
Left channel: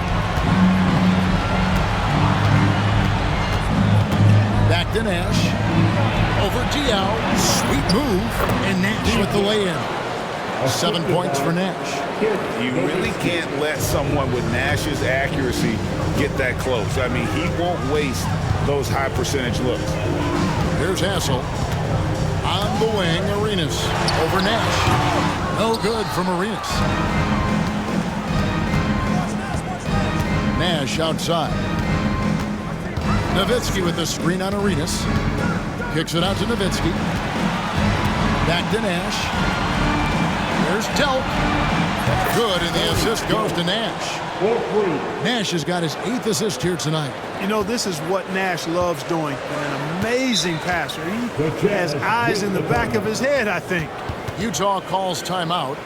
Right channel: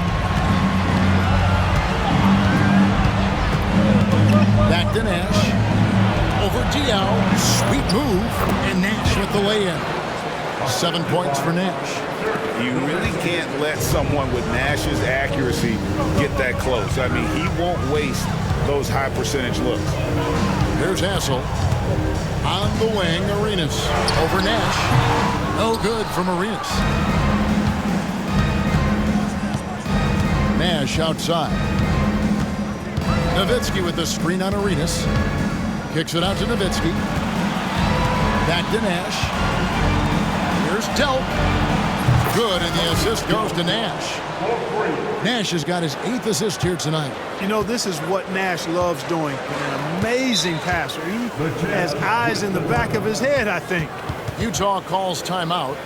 Back to Nash. Over Diaw. Sweet move. And Nash with the lay-in. 7 points for Nash. You really can't let someone with Nash's accuracy get that close. I mean, he won't waste those high percentage looks. Here's Hassel. On the wing, Arenas. Over Nash. No good from Arenas. Nash outside. Nowitzki with the screen on Arenas. Kicks it out to Nowitzki. Back to Nash. Here's Delk. Good, and the assist goes to Nash. Nash has got his 8th assist here tonight. You know, this is what Nash loves doing. An amazing passer. He has eyes in the back of his head, I think. Utah calls timeout.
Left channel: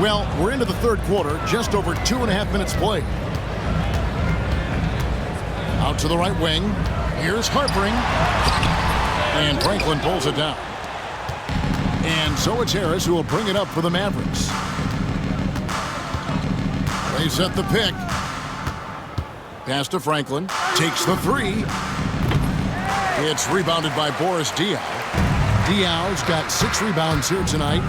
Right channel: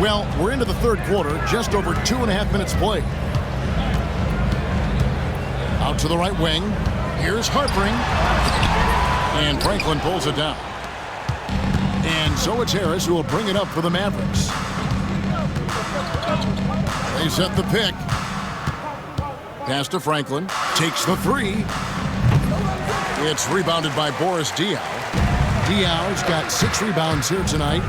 Well, we're into the third quarter, just over 2.5 minutes played. Out to the right wing. Here's Harpering. And Franklin pulls it down. And so it's Harris who will bring it up for the Mavericks. They set the pick. Pass to Franklin. Takes the three. It's rebounded by Boris Diaw. Diaw's got 6 rebounds here tonight.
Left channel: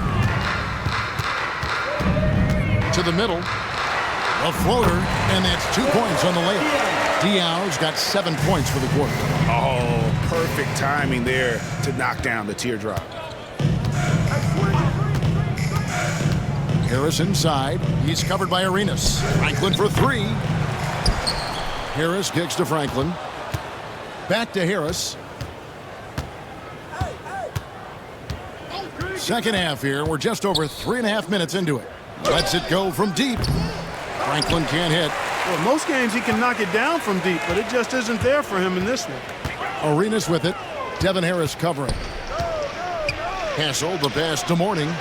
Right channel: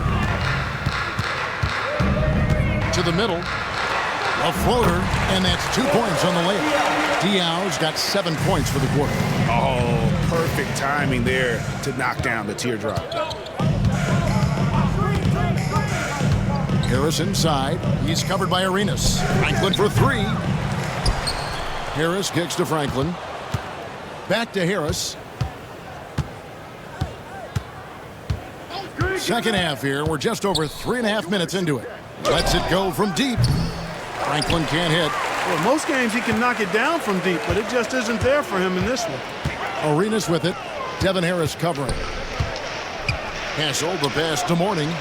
To the middle. A floater, and that's 2 points on the layup. Diaw's got 7 points for the quarter. Oh, perfect timing there to knock down the teardrop. Harris inside. He's covered by Arenas. Franklin for 3. Harris kicks to Franklin. Back to Harris. Second half here. We're just over 3.5 minutes into it. Lets it go from deep. Franklin can't hit. Well, most games he can knock it down from deep, but it just isn't there for him in this one. Arenas with it. Devin Harris covering. Hassel, the pass to Mourning.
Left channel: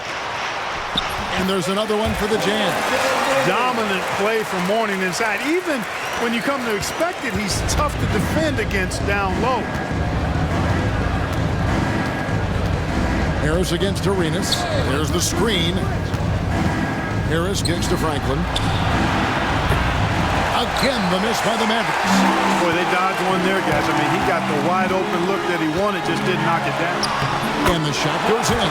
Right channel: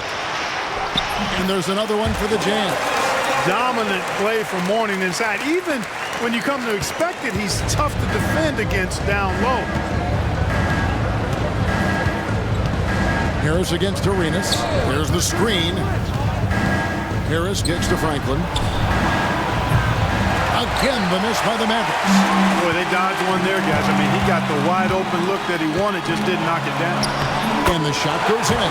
And there's another one for the Jazz. Dominant play from Mourning inside. Even when you come to expect it, he's tough to defend against down low. Harris against Arenas. There's the screen. Harris kicks to Franklin. Again, the miss by the Mavericks. Boy, they dodged one there, guys. I mean, he got the wide open look that he wanted, just didn't knock it down. And the shot goes in.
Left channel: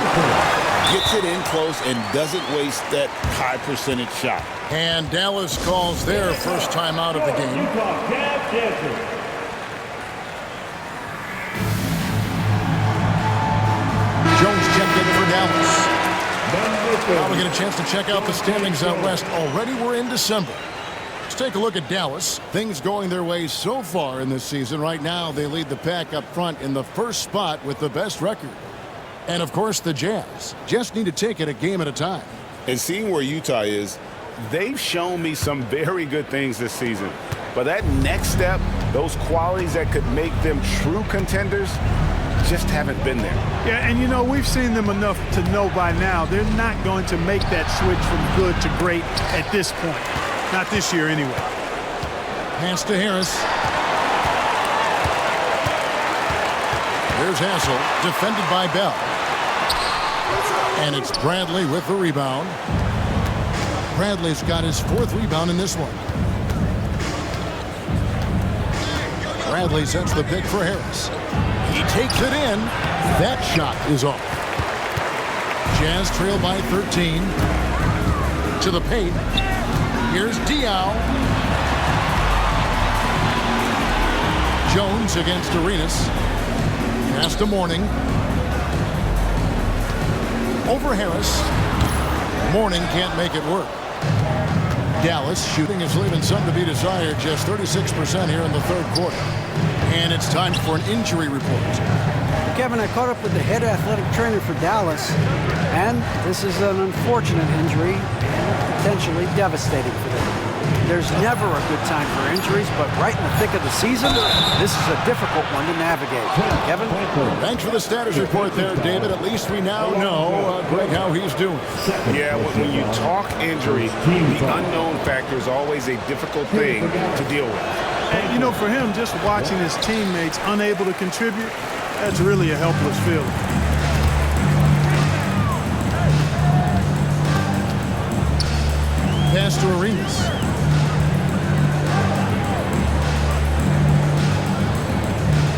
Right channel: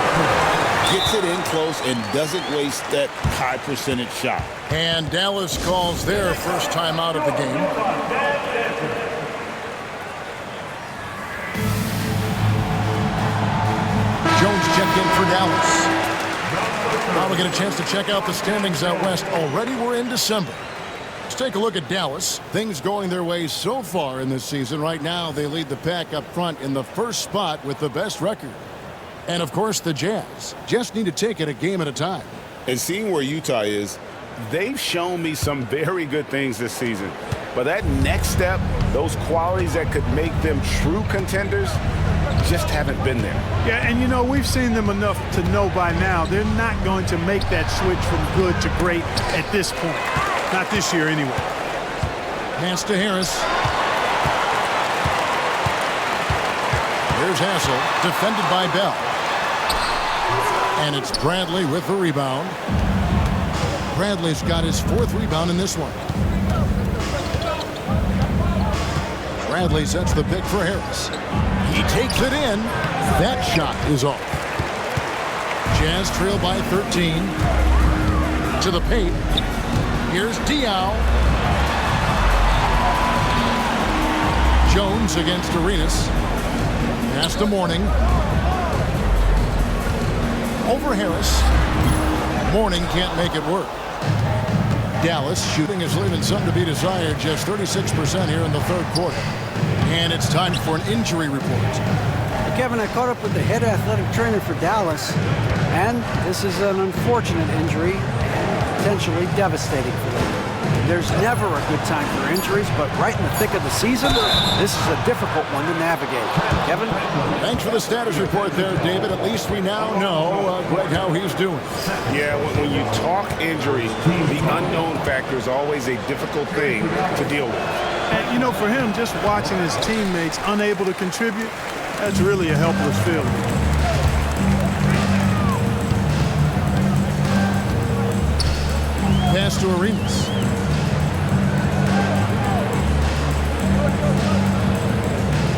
Gets it in close and doesn't waste that high percentage shot. And Dallas calls their first time out of the game. Jones checked in for Dallas. Now we get a chance to check out the standings out west. Already we're in December. Let's take a look at Dallas. Things going their way so far in this season. Right now they lead the pack up front in the first spot with the best record. And of course the Jazz just need to take it a game at a time. And seeing where Utah is, They've shown me some very good things this season. But that next step, those qualities that could make them true contenders, just haven't been there. Yeah, and you know, we've seen them enough to know by now they're not going to make that switch from good to great at this point. Not this year anyway. Pass to Harris. Here's Hassel, defended by Bell. And it's Bradley with the rebound. Bradley's got his 4th rebound in this one. Bradley sets the pick for Harris. He takes it in. That shot is off. Jazz trail by 13. To the paint. Here's Diaw. Jones against Arenas. Pass to Mourning. Over Harris. Mourning can't make it work. Dallas shooting is leaving some to be desired, just 36% here in the 3rd quarter. And it's time for an injury report. Kevin, I caught up with the head athletic trainer for Dallas, and this is an unfortunate injury and potentially devastating for them. There's never a good time for injuries, but right in the thick of the season, this is a difficult one to navigate. Kevin? Thanks for the status report there, David. At least we now know, Greg, how he's doing. Yeah, when you talk injury, the unknown factor is always a difficult thing to deal with. And, you know, for him, just watching his teammates unable to contribute, that's really a helpless feeling. Pass to Arenas.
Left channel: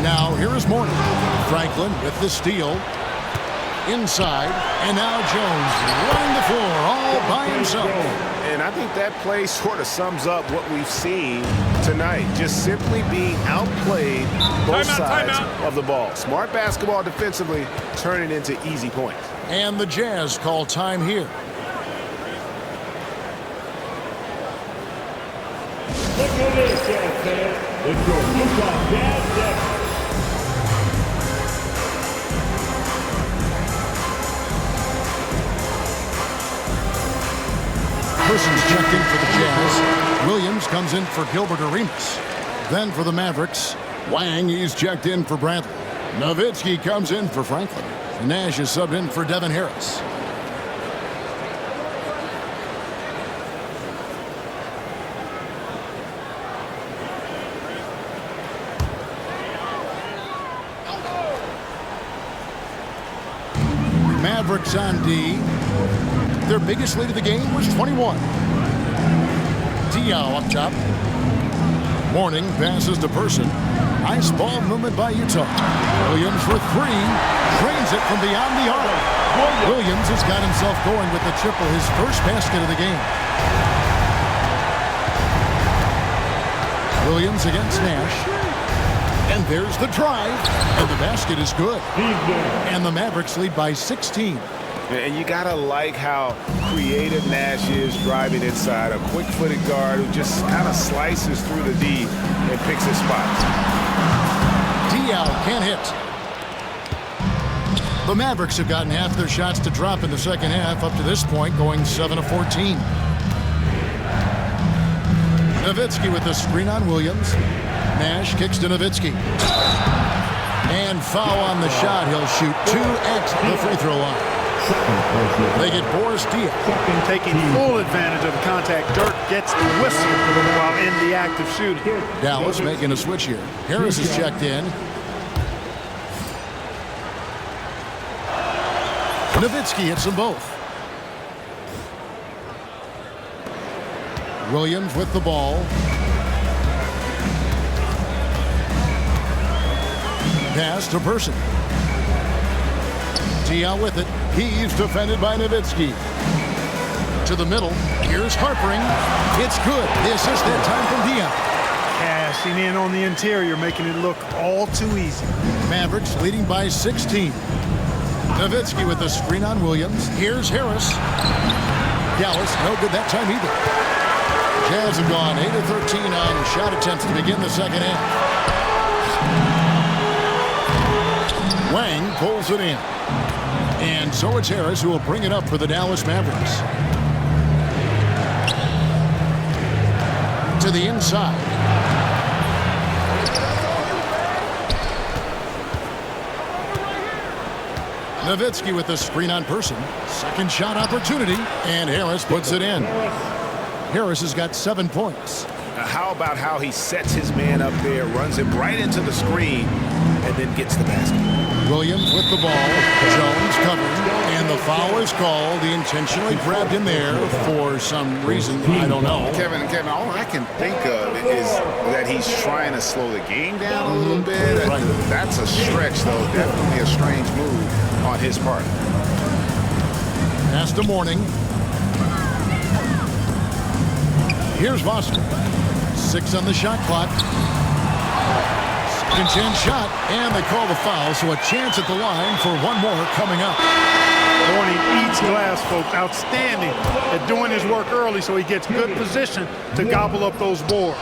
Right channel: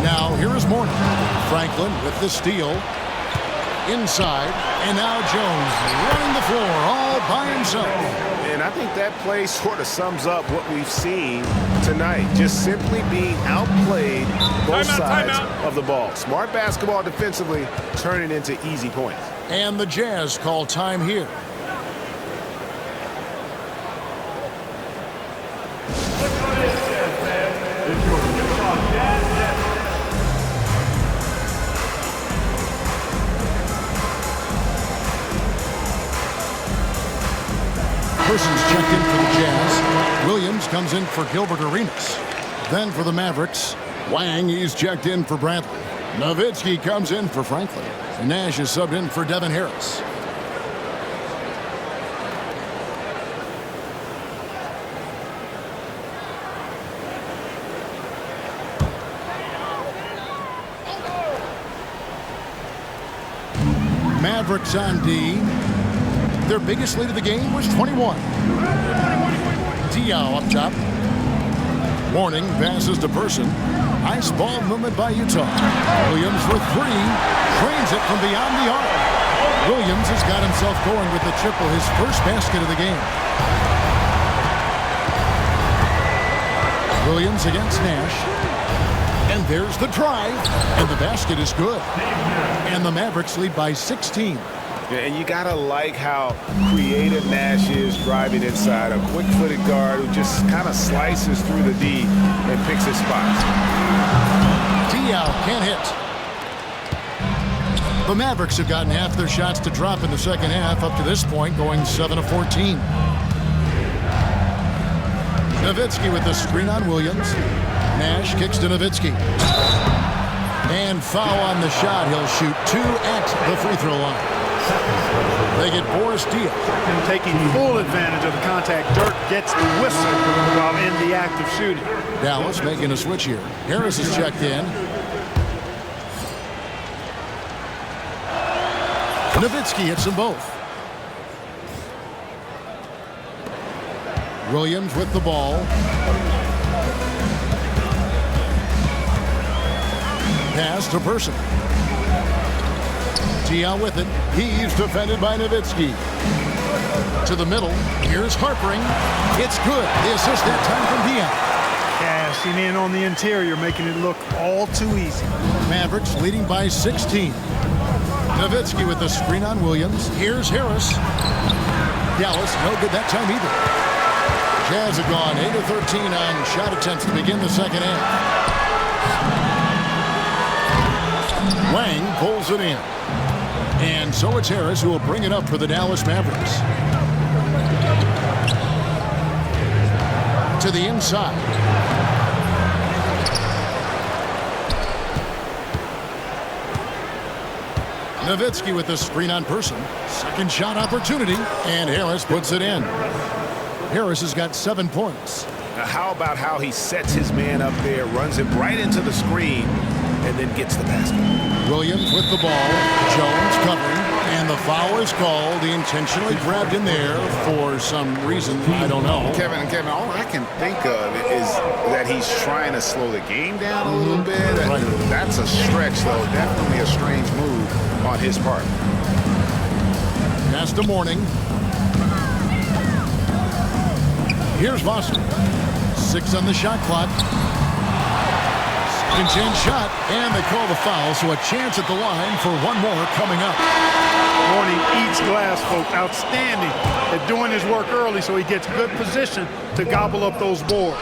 Now here is Mourning. Franklin with the steal. Inside, and now Jones running the floor all by himself. And I think that play sort of sums up what we've seen tonight. Just simply being outplayed both sides of the ball. Smart basketball defensively, turning into easy points. And the Jazz call time here. Let's go to the Jazz fans. It's your Utah Jazz. Persons checked in for the Jazz. Williams comes in for Gilbert Arenas. Then for the Mavericks, Wang, he's checked in for Bradley. Nowitzki comes in for Franklin. Nash is subbed in for Devin Harris. Mavericks on D. Their biggest lead of the game was 21. Diaw up top. Mourning passes to Person. Nice ball movement by Utah. Williams for 3. Trains it from beyond the arc. Williams has got himself going with the triple, his first basket of the game. Williams against Nash. And there's the drive. And the basket is good. And the Mavericks lead by 16. And you got to like how creative Nash is driving inside. A quick-footed guard who just kind of slices through the D and picks his spots. Diaw can't hit. The Mavericks have gotten half their shots to drop in the second half up to this point, going 7 of 14. Nowitzki with the screen on Williams. Nash kicks to Nowitzki. And foul on the shot. He'll shoot 2 at the free throw line. They get Boris Diaw. Taking full advantage of the contact. Dirk gets the whistle while in the act of shooting. Dallas making a switch here. Harris is checked in. Nowitzki hits them both. Williams with the ball. Pass to Person. Diaw with it. He's defended by Nowitzki. To the middle. Here's Harpering. It's good. The assist that time from Dion. Cashing in on the interior, making it look all too easy. Mavericks leading by 16. Nowitzki with the screen on Williams. Here's Harris. Dallas, no good that time either. Jazz have gone 8 of 13 on shot attempts to begin the second half. Wang pulls it in. And so it's Harris who will bring it up for the Dallas Mavericks. To the inside. Nowitzki with the screen on Person. Second shot opportunity, and Harris puts it in. Harris has got 7 points. Now how about how he sets his man up there, runs him right into the screen, and then gets the basket. Williams with the ball. Jones covering, and the foul is called. He intentionally grabbed him there for some reason, I don't know. Kevin, all I can think of is that he's trying to slow the game down a little bit. Right. That's a stretch, though. Definitely a strange move on his part. Pass to Morning. Here's Foster. 6 on the shot clock. Second chance shot, and they call the foul, so a chance at the line for one more coming up. Morning eats glass, folks. Outstanding at doing his work early so he gets good position to gobble up those boards.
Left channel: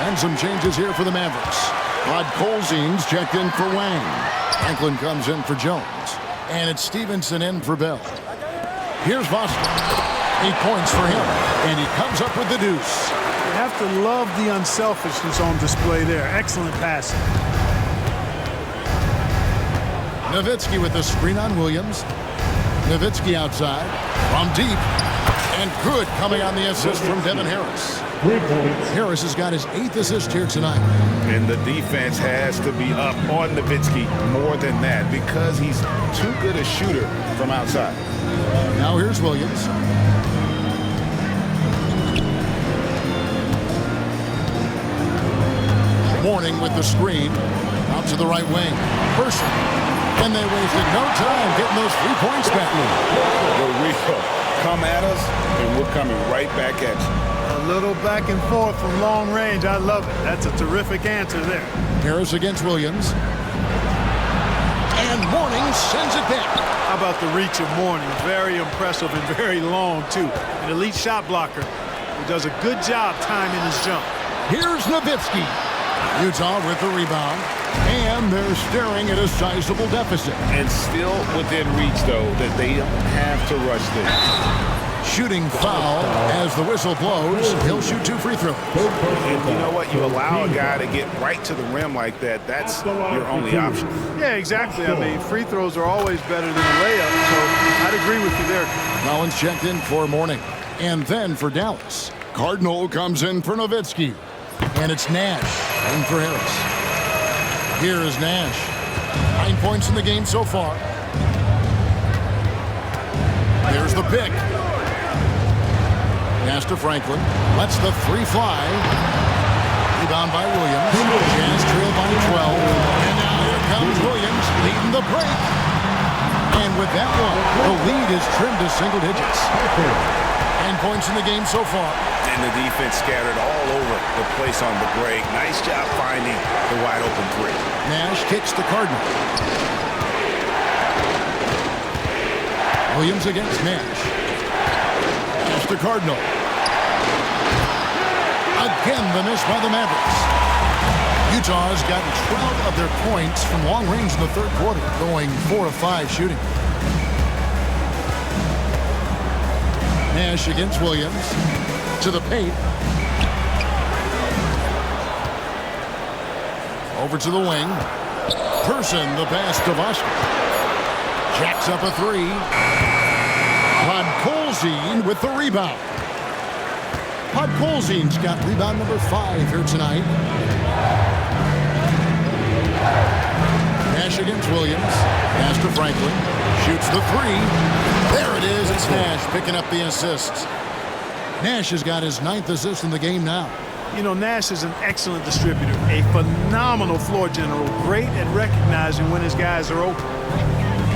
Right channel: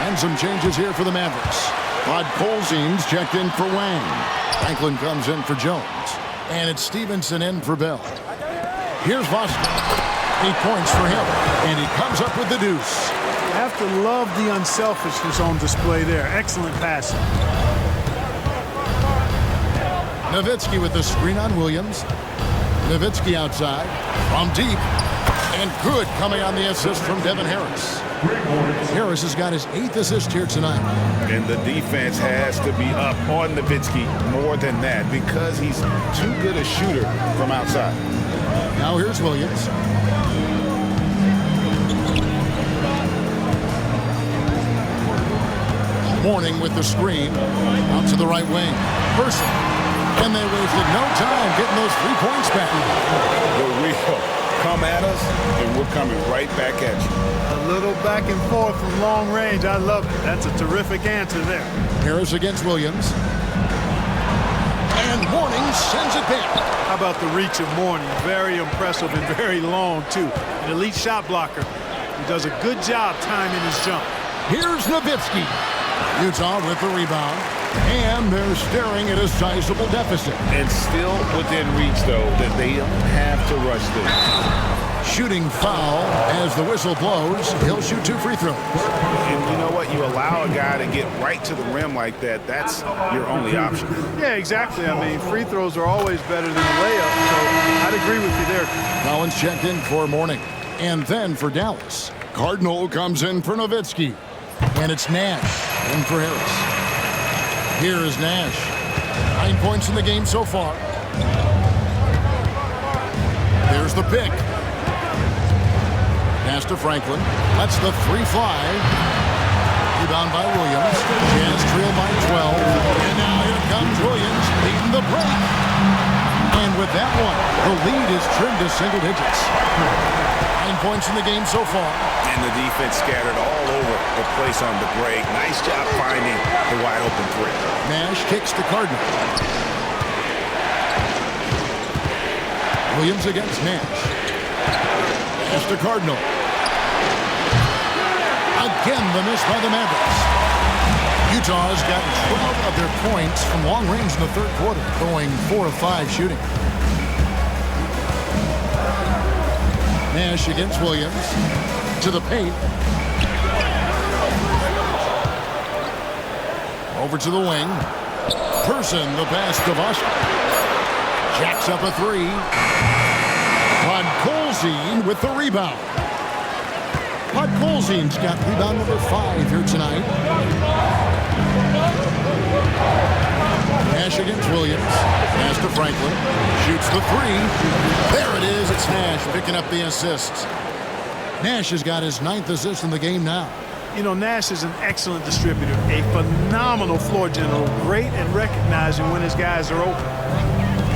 And some changes here for the Mavericks. Podkolzin's checked in for Wang. Franklin comes in for Jones. And it's Stevenson in for Bell. Here's Foster. 8 points for him. And he comes up with the deuce. You have to love the unselfishness on display there. Excellent passing. Nowitzki with the screen on Williams. Nowitzki outside from deep. And good coming on the assist from Devin Harris. Harris has got his 8th assist here tonight. And the defense has to be up on Nowitzki more than that because he's too good a shooter from outside. Now here's Williams. Morning with the screen. Out to the right wing. Person. And they wasted no time getting those 3 points back. The real come at us, and we're coming right back at you. A little back and forth from long range. I love it. That's a terrific answer there. Harris against Williams. And Morning sends it back. How about the reach of Morning? Very impressive and very long, too. An elite shot blocker who does a good job timing his jump. Here's Nowitzki. Utah with the rebound. And they're staring at a sizable deficit. And still within reach, though, that they don't have to rush this. Shooting foul as the whistle blows. He'll shoot 2 free throws. And you know what? You allow a guy to get right to the rim like that. That's your only option. Yeah, exactly. I mean, free throws are always better than a layup, so I'd agree with you there. Collins checked in for Morning. And then for Dallas. Cardinal comes in for Nowitzki. And it's Nash in for Harris. Here is Nash. 9 points in the game so far. There's the pick. Pass to Franklin. Lets the 3 fly. Rebound by Williams. Jazz trail by 12. And now here comes Williams leading the break. And with that one, the lead is trimmed to single digits. 9 points in the game so far. And the defense scattered all over the place on the break. Nice job finding the wide open 3. Nash kicks to Cardinal. Williams against Nash. Pass to Cardinal. Again, the miss by the Mavericks. Utah has gotten 12 of their points from long range in the third quarter, going 4 of 5 shooting. Nash against Williams. To the paint. Over to the wing. Person, the pass to Vosker. Jacks up a 3. Podkolzin with the rebound. Podkolzin's got rebound number 5 here tonight. Nash against Williams. Pass to Franklin. Shoots the 3. There it is. It's Nash picking up the assist. Nash has got his 9th assist in the game now. You know, Nash is an excellent distributor, a phenomenal floor general, great at recognizing when his guys are open.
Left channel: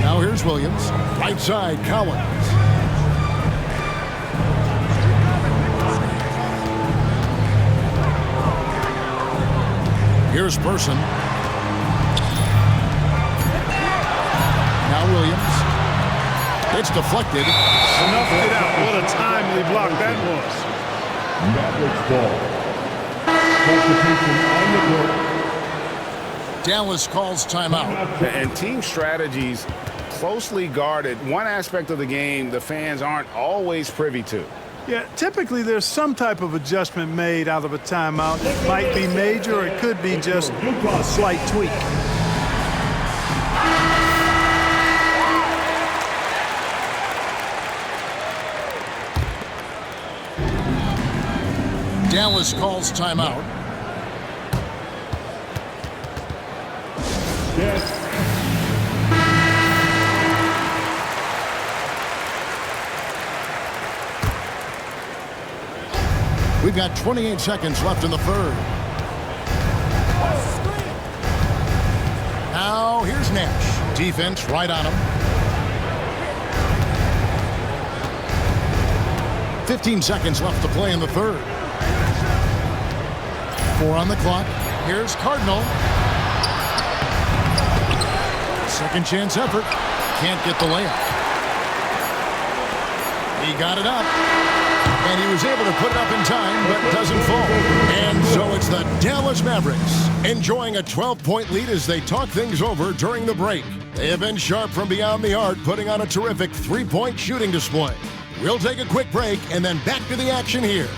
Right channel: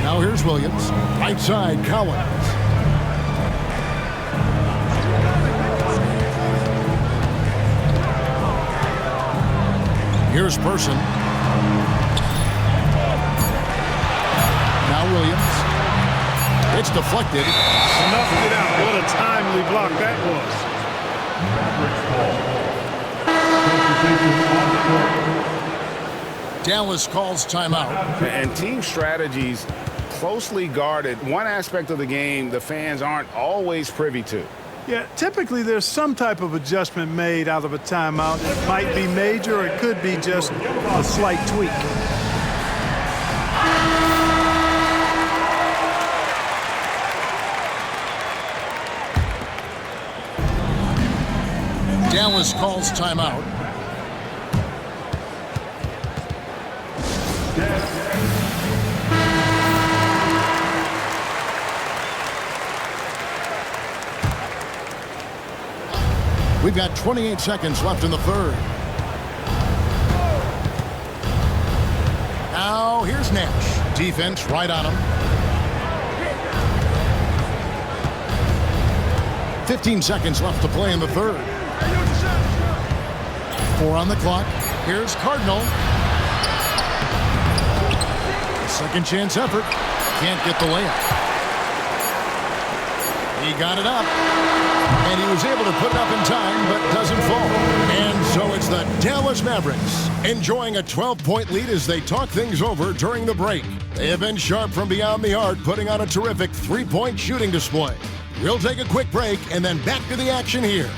Now here's Williams. Right side, Collins. Here's Person. Now Williams. It's deflected. Snuffed it out. What a timely block that was. Mavericks ball. Substitution on the court. Dallas calls timeout. And team strategies closely guarded. One aspect of the game the fans aren't always privy to. Yeah, typically there's some type of adjustment made out of a timeout. It might be major, or it could be just a slight tweak. Dallas calls timeout. We've got 28 seconds left in the third. Now here's Nash. Defense right on him. 15 seconds left to play in the third. 4 on the clock. Here's Cardinal. Second chance effort. Can't get the layup. He got it up. And he was able to put it up in time, but doesn't fall. And so it's the Dallas Mavericks enjoying a 12-point lead as they talk things over during the break. They have been sharp from beyond the arc, putting on a terrific three-point shooting display. We'll take a quick break and then back to the action here.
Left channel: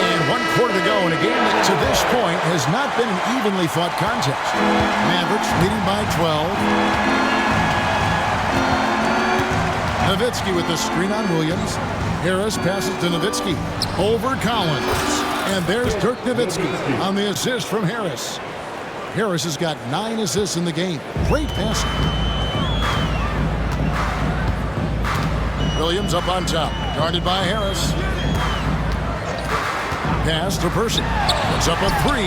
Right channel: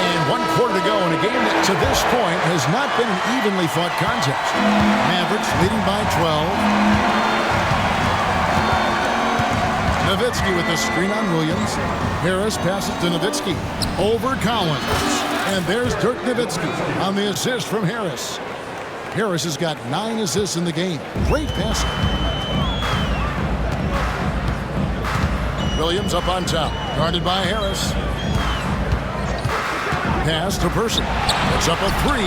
And 1 quarter to go in a game that to this point has not been an evenly fought contest. Mavericks leading by 12. Nowitzki with the screen on Williams. Harris passes to Nowitzki. Over Collins. And there's Dirk Nowitzki on the assist from Harris. Harris has got 9 assists in the game. Great passing. Williams up on top. Guarded by Harris. Pass to Person. It's up a 3.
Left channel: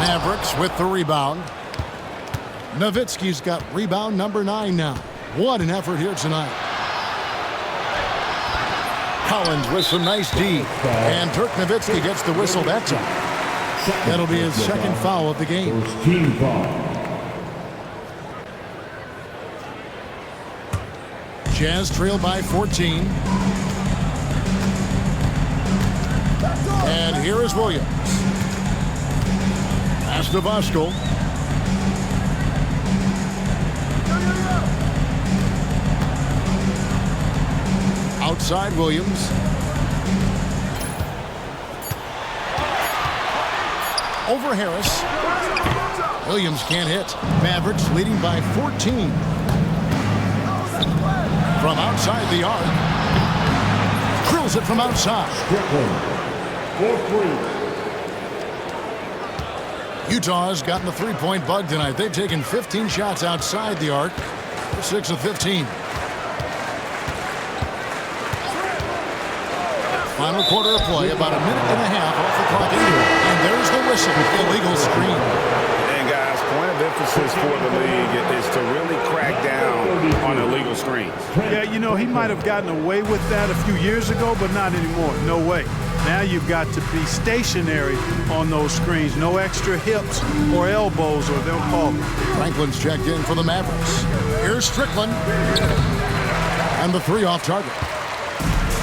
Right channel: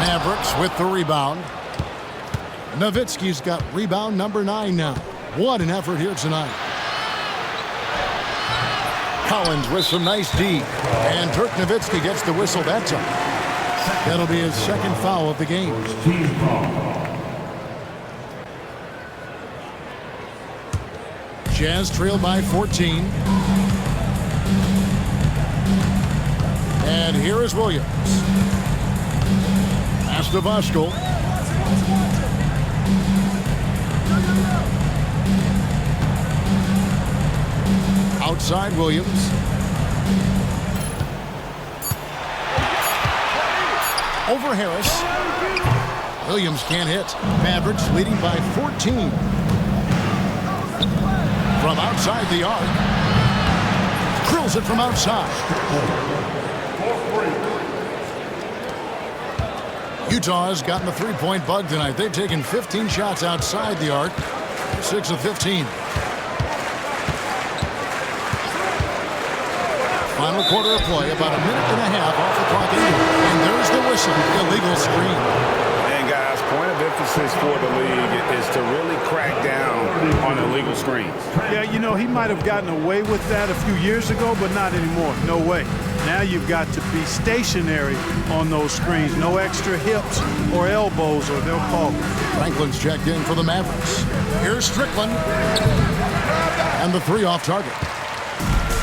Mavericks with the rebound. Nowitzki's got rebound number 9 now. What an effort here tonight. Collins with some nice D. And Dirk Nowitzki gets the whistle that time. That'll be his second foul of the game. First team foul. Jazz trail by 14. And here is Williams. Pass to Voskuhl. Outside Williams. Over Harris. Williams can't hit. Mavericks leading by 14. From outside the arc. Drills it from outside. Utah's gotten the three-point bug tonight. They've taken 15 shots outside the arc. 6 of 15. Final quarter of play, about a minute and a half off the clock into it. And there's the whistle. Illegal screen. And guys, point of emphasis for the league is to really crack down on illegal screens. Yeah, you know, he might have gotten away with that a few years ago, but not anymore. No way. Now you've got to be stationary on those screens. No extra hips or elbows, or they'll call it. Franklin's checked in for the Mavericks. Here's Strickland. And the 3 off target.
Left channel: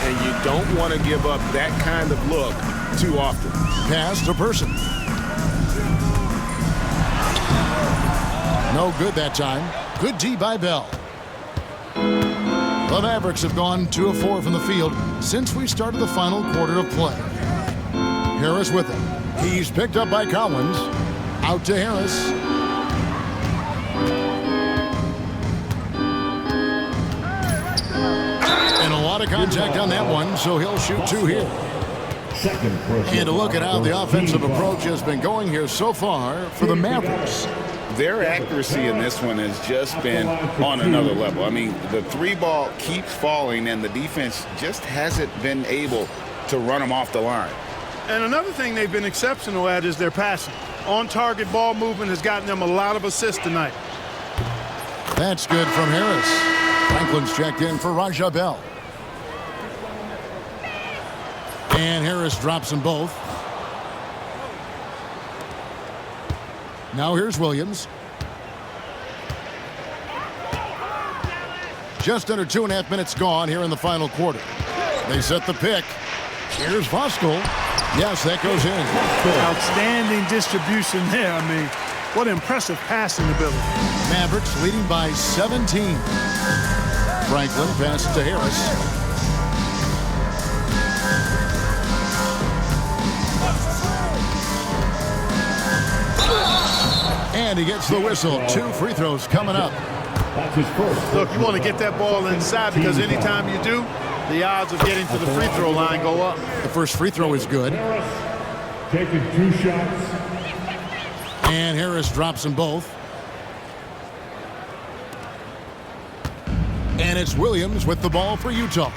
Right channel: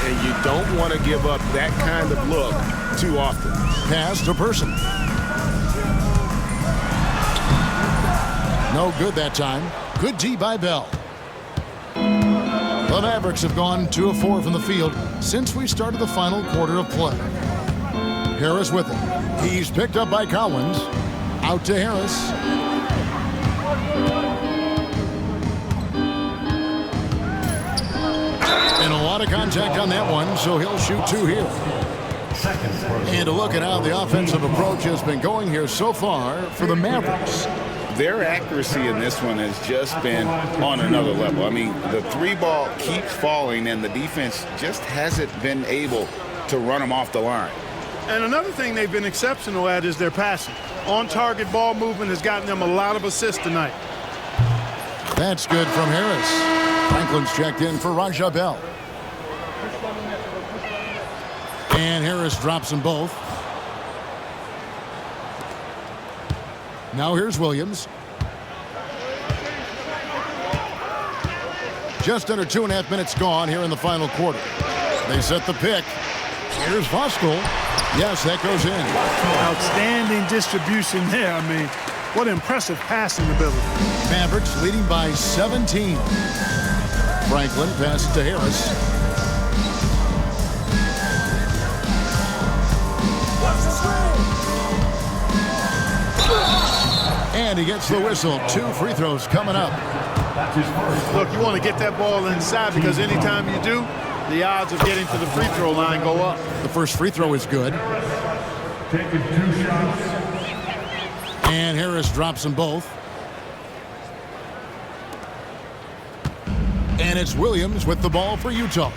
And you don't want to give up that kind of look too often. Pass to Person. No good that time. Good D by Bell. The Mavericks have gone 2 of 4 from the field since we started the final quarter of play. Harris with him. He's picked up by Collins. Out to Harris. And a lot of contact on that one, so he'll shoot 2 here. And a look at how the offensive approach has been going here so far for the Mavericks. their accuracy in this one has just been on another level. I mean, the three ball keeps falling, and the defense just hasn't been able to run them off the line. And another thing they've been exceptional at is their passing. On-target ball movement has gotten them a lot of assists tonight. That's good from Harris. Franklin's checked in for Raja Bell. And Harris drops them both. Now here's Williams. Just under 2.5 minutes gone here in the final quarter. They set the pick. Here's Voskuhl. Yes, that goes in. Outstanding distribution there. I mean, what impressive passing ability. Mavericks leading by 17. Franklin passes to Harris. And he gets the whistle. 2 free throws coming up. That's his first. Look, you want to get that ball inside because anytime you do, the odds of getting to the free throw line go up. The first free throw is good. Taking 2 shots. And Harris drops them both. And it's Williams with the ball for Utah.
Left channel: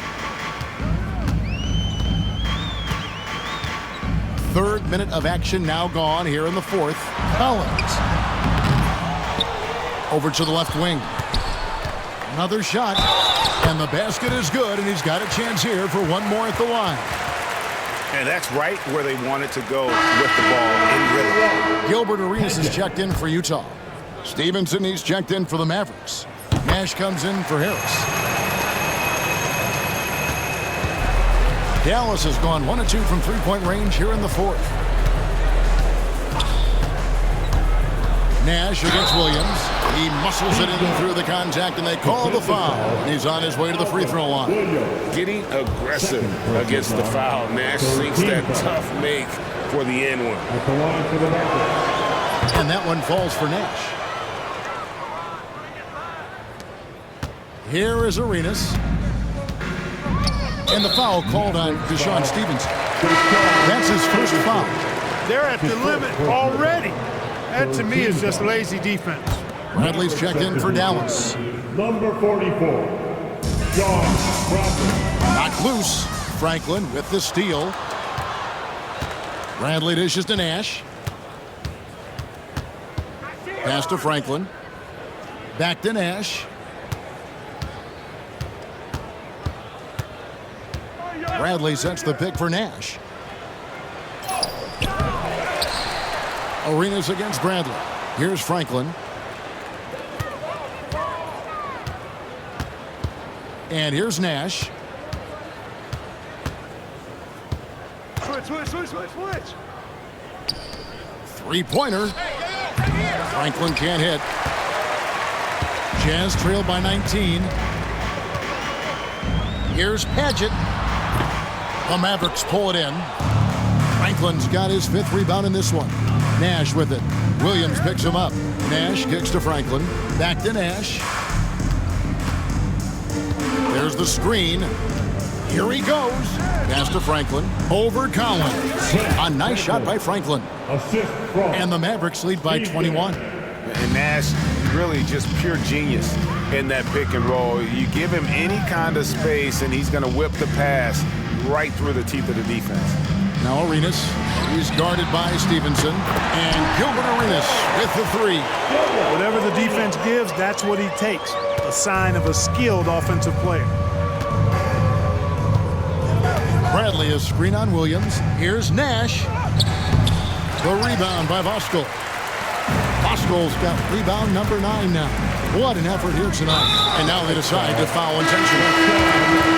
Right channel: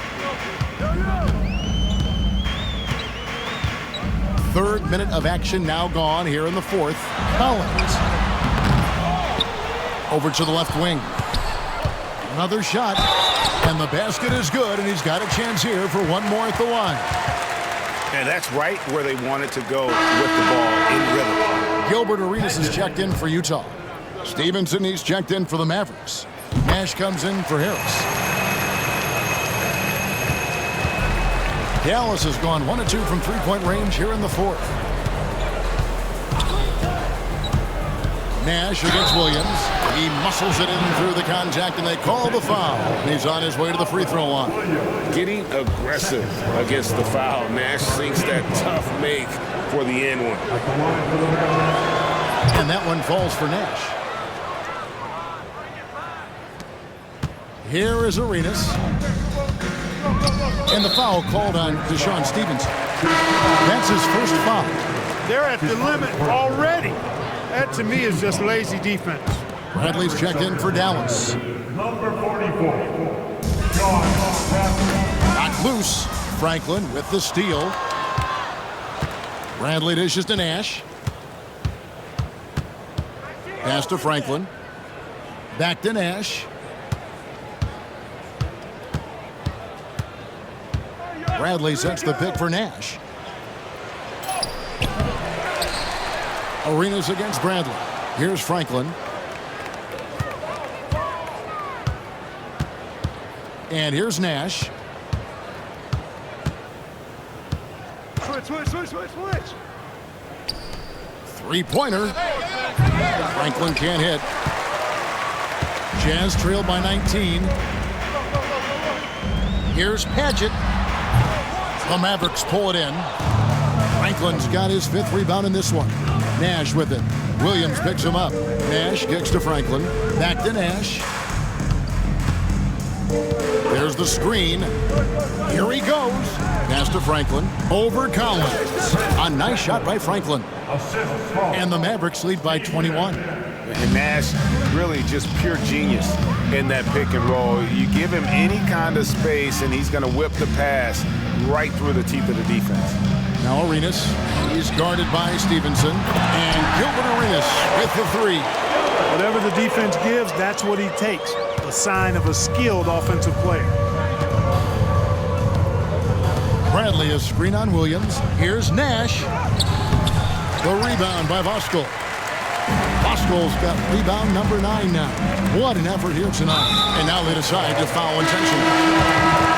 Third minute of action now gone here in the fourth. Collins. Over to the left wing. Another shot. And the basket is good, and he's got a chance here for one more at the line. And that's right where they wanted to go with the ball in rhythm. Gilbert Arenas is checked in for Utah. Stevenson, he's checked in for the Mavericks. Nash comes in for Harris. Dallas has gone 1 of 2 from three-point range here in the fourth. Nash against Williams. He muscles it in through the contact, and they call the foul. And he's on his way to the free throw line. Getting aggressive against the foul. Nash sinks that tough make for the end one. And that one falls for Nash. Here is Arenas. And the foul called on Deshaun Stevenson. That's his first foul. They're at the limit already. That, to me, is just lazy defense. Bradley's checked in for Dallas. Number 44, John Bradley. Knocked loose. Franklin with the steal. Bradley dishes to Nash. Pass to Franklin. Back to Nash. Bradley sets the pick for Nash. Arenas against Bradley. Here's Franklin. And here's Nash. Switch. Three-pointer. Franklin can't hit. Jazz trailed by 19. Here's Padgett. The Mavericks pull it in. Franklin's got his 5th rebound in this one. Nash with it. Williams picks him up. Nash kicks to Franklin. Back to Nash. There's the screen. Here he goes. Pass to Franklin. Over Collins. A nice shot by Franklin. And the Mavericks lead by 21. And Nash really just pure genius in that pick and roll. You give him any kind of space, and he's going to whip the pass right through the teeth of the defense. Now Arenas, he's guarded by Stevenson, and Gilbert Arenas with the 3. Whatever the defense gives, that's what he takes. A sign of a skilled offensive player. Bradley is screen on Williams. Here's Nash. The rebound by Voskuhl. Voskuhl's got rebound number 9 now. What an effort here tonight. And now they decide to foul intentionally.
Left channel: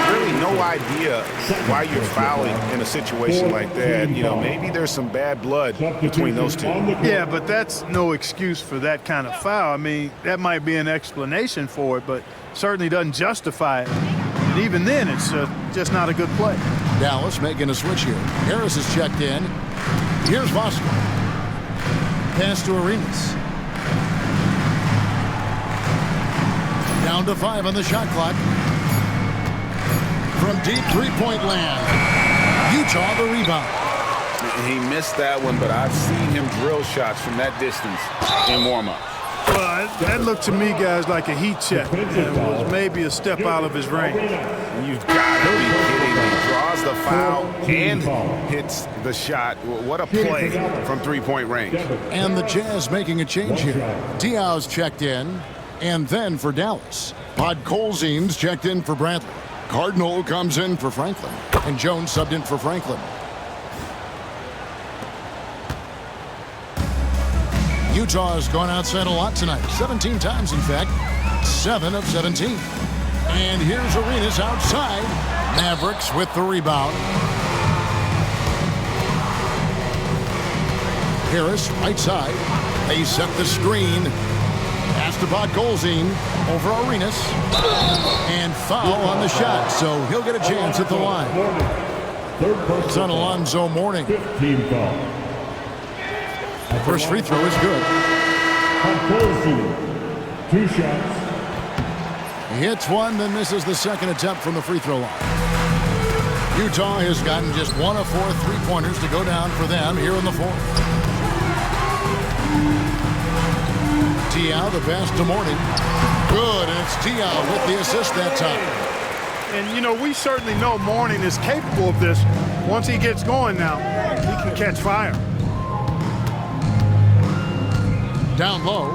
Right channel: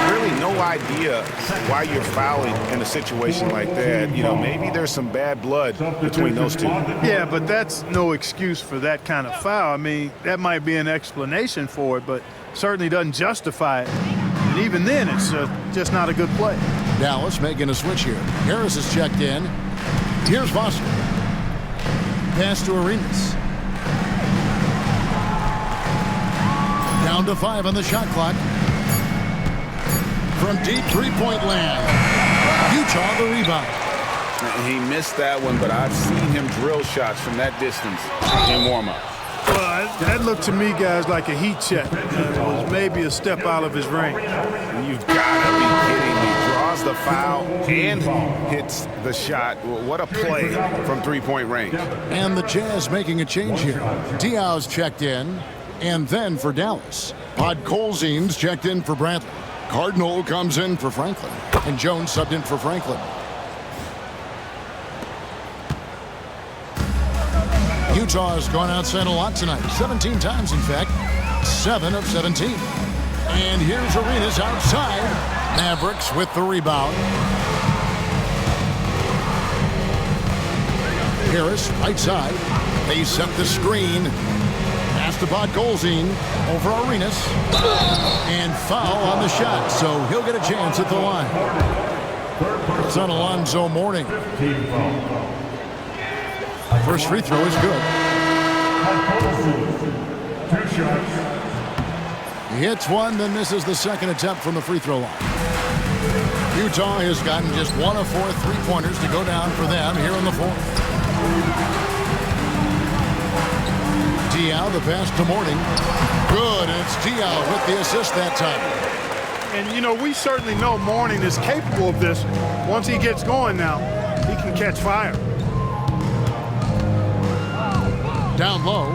Really no idea why you're fouling in a situation like that. You know, maybe there's some bad blood between those two. Yeah, but that's no excuse for that kind of foul. I mean, that might be an explanation for it, but certainly doesn't justify it. And even then, it's just not a good play. Dallas making a switch here. Harris is checked in. Here's Voskuhl. Pass to Arenas. Down to 5 on the shot clock. From deep three-point land. Utah the rebound. And he missed that one, but I've seen him drill shots from that distance in warm-ups. Well, that looked to me, guys, like a heat check and was maybe a step out of his range. You've got to be kidding me. Draws the foul and hits the shot. What a play from three-point range. And the Jazz making a change here. Diaw's checked in, and then for Dallas. Podkolzin's checked in for Bradley. Cardinal comes in for Franklin, and Jones subbed in for Franklin. Utah's gone outside a lot tonight, 17 times in fact, 7 of 17. And here's Arenas outside. Mavericks with the rebound. Harris right side. They set the screen. Pass to Podkolzin over Arenas. And foul on the shot, so he'll get a chance at the line. It's on Alonzo Mourning. First free throw is good. 2 shots. He hits one, then misses the second attempt from the free throw line. Utah has gotten just 1 of 4 three-pointers to go down for them here in the fourth. Diaw, the pass to Mourning. Good, and it's Diaw with the assist that time. And, you know, we certainly know Mourning is capable of this. Once he gets going now, he can catch fire. Down low.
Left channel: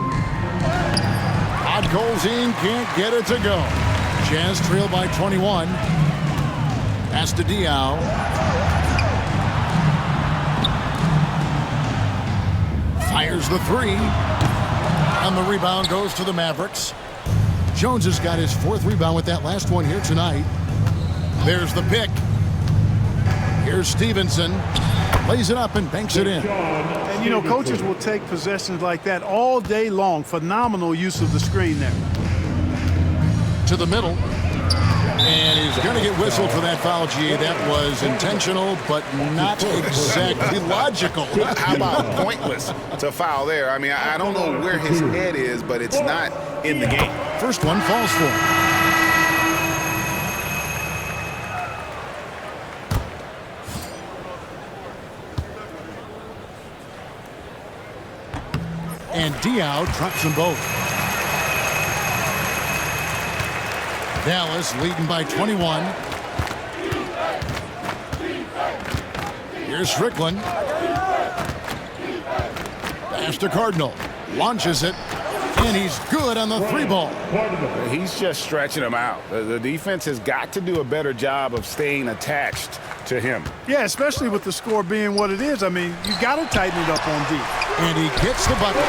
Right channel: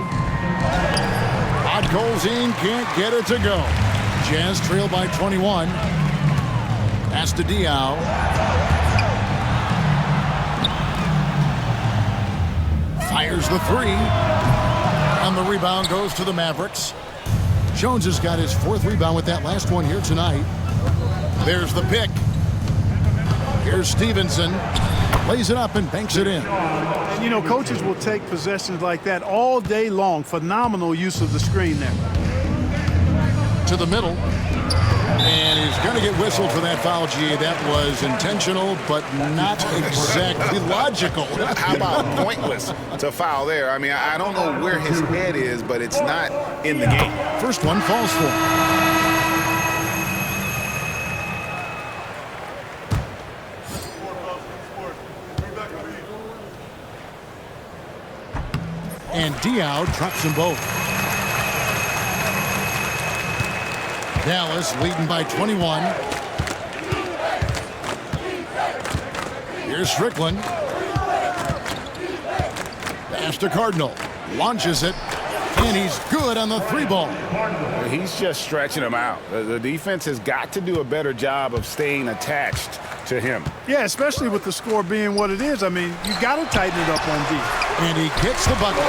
Podkolzin can't get it to go. Jazz trail by 21. Pass to Diaw. Fires the three. And the rebound goes to the Mavericks. Jones has got his 4th rebound with that last one here tonight. There's the pick. Here's Stevenson. Lays it up and banks it in. And, you know, coaches will take possessions like that all day long. Phenomenal use of the screen there. To the middle. And he's going to get whistled for that foul, G. That was intentional, but not exactly logical. How about pointless to foul there? I mean, I don't know where his head is, but it's not in the game. First one falls for him. And Diaw drops them both. Dallas leading by 21. Here's Strickland. Pass to Cardinal. Launches it. And he's good on the 3-ball. He's just stretching him out. The defense has got to do a better job of staying attached to him. Yeah, especially with the score being what it is. I mean, you got to tighten it up on D. And he gets the bucket.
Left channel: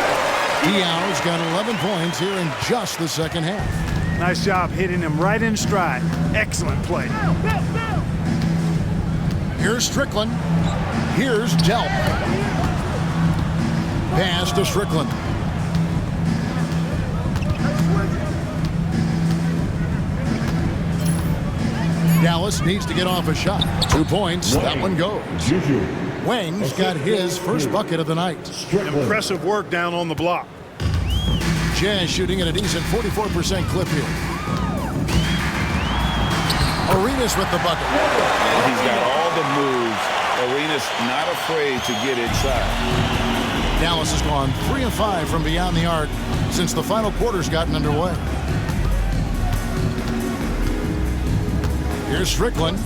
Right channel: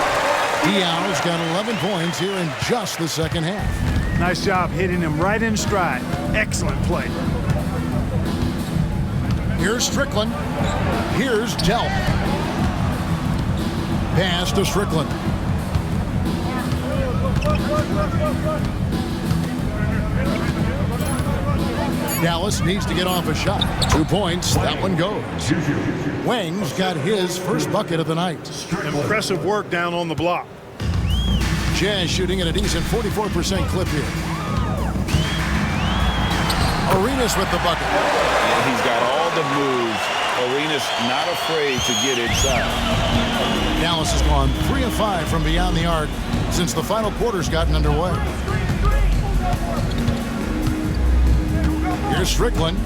Diaw's got 11 points here in just the second half. Nice job hitting him right in stride. Excellent play. Here's Strickland. Here's Delp. Pass to Strickland. Dallas needs to get off a shot. 2 points. That one goes. Wang's got his first bucket of the night. Impressive work down on the block. Jazz shooting at a decent 44% clip here. Arenas with the bucket. And he's got all the moves. Arenas not afraid to get inside. Dallas has gone 3 of 5 from beyond the arc since the final quarter's gotten underway. Here's Strickland.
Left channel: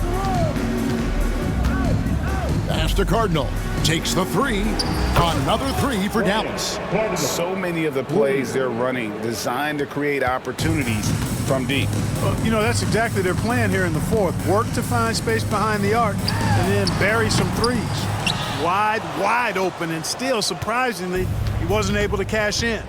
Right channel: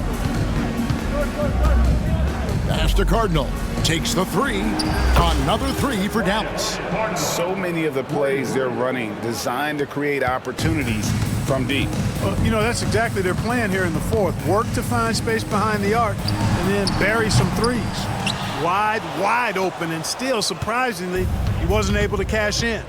Pass to Cardinal. Takes the 3. Another 3 for Dallas. So many of the plays they're running designed to create opportunities from deep. You know, that's exactly their plan here in the fourth. Work to find space behind the arc and then bury some threes. Wide open, and still, surprisingly, he wasn't able to cash in.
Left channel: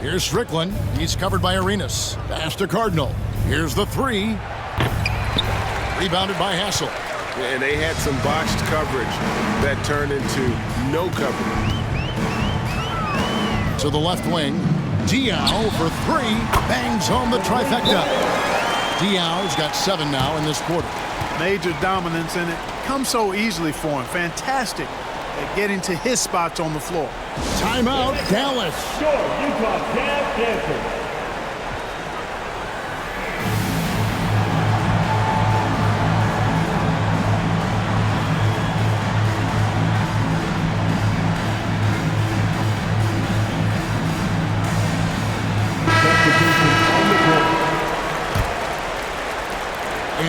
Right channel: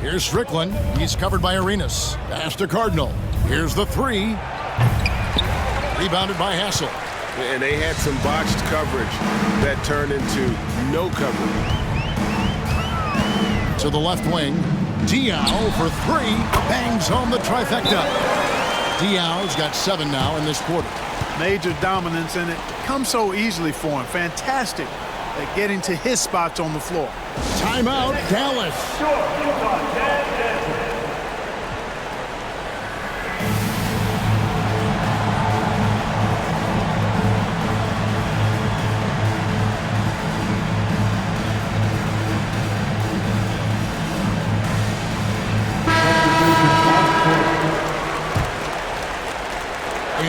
Here's Strickland. He's covered by Arenas. Pass to Cardinal. Here's the 3. Rebounded by Hassel. And they had some botched coverage that turned into no coverage. To the left wing. Diaw for 3. Bangs home the trifecta. Diaw's got 7 now in this quarter. Major dominance, and it comes so easily for him. Fantastic at getting to his spots on the floor. Timeout, Dallas. Short, Utah can't answer.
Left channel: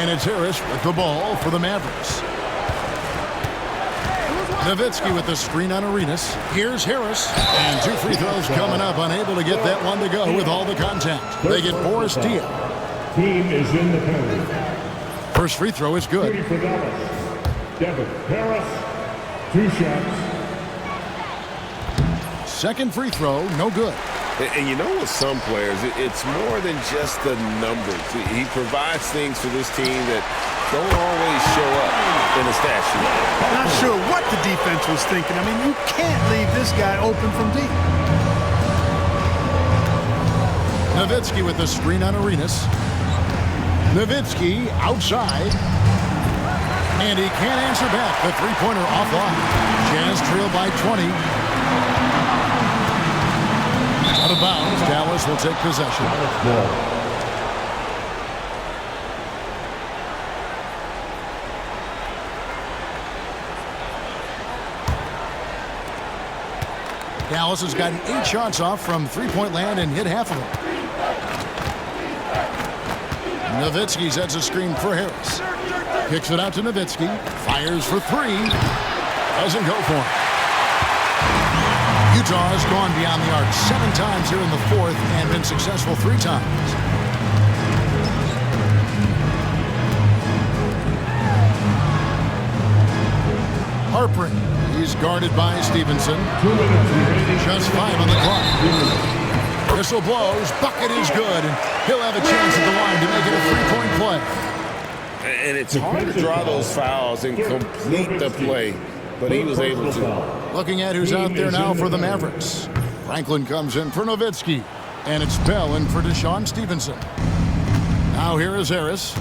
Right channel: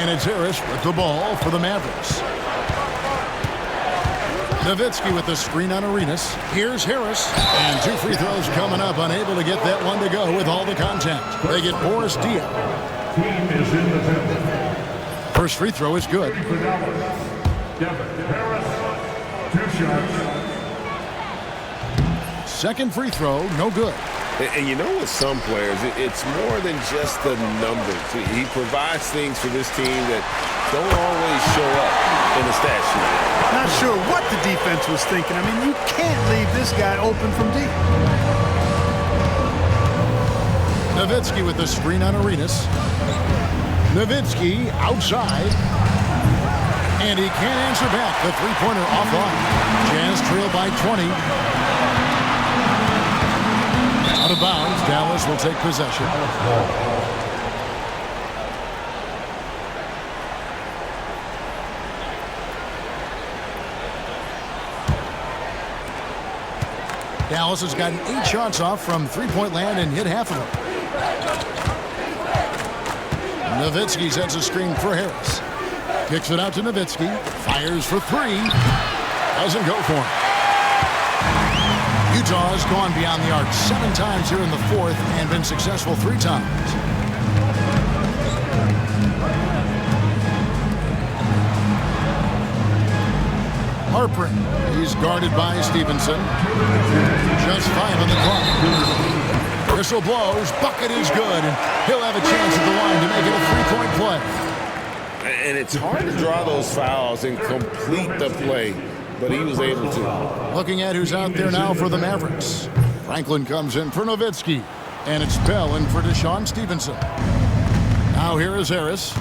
And it's Harris with the ball for the Mavericks. Nowitzki with the screen on Arenas. Here's Harris. And 2 free throws coming up, unable to get that one to go with all the contact. They get Boris Diaw. Team is in the penalty. First free throw is good. For Dallas, Devin Harris, 2 shots. Second free throw, no good. And you know, with some players, it's more than just the numbers. He provides things for this team that don't always show up in the stat sheet. Not sure what the defense was thinking. I mean, you can't leave this guy open from deep. Nowitzki with the screen on Arenas. Nowitzki outside. And he can't answer back. The three-pointer offline. Jazz trail by 20. Out of bounds, Dallas will take possession. Dallas has gotten 8 shots off from three-point land and hit half of them. Nowitzki sets a screen for Harris. Kicks it out to Nowitzki. Fires for 3. Doesn't go for him. Utah has gone beyond the arc 7 times here in the fourth and been successful 3 times. Harper. He's guarded by Stevenson. Just 5 on the clock. Whistle blows. Bucket is good. And he'll have a chance at the line to make it a 3-point play. And it's hard to draw those fouls and complete the play, but he was able to. Looking at who's out there now for the Mavericks. Franklin comes in for Nowitzki. And it's Bell in for Deshaun Stevenson. Now here is Harris.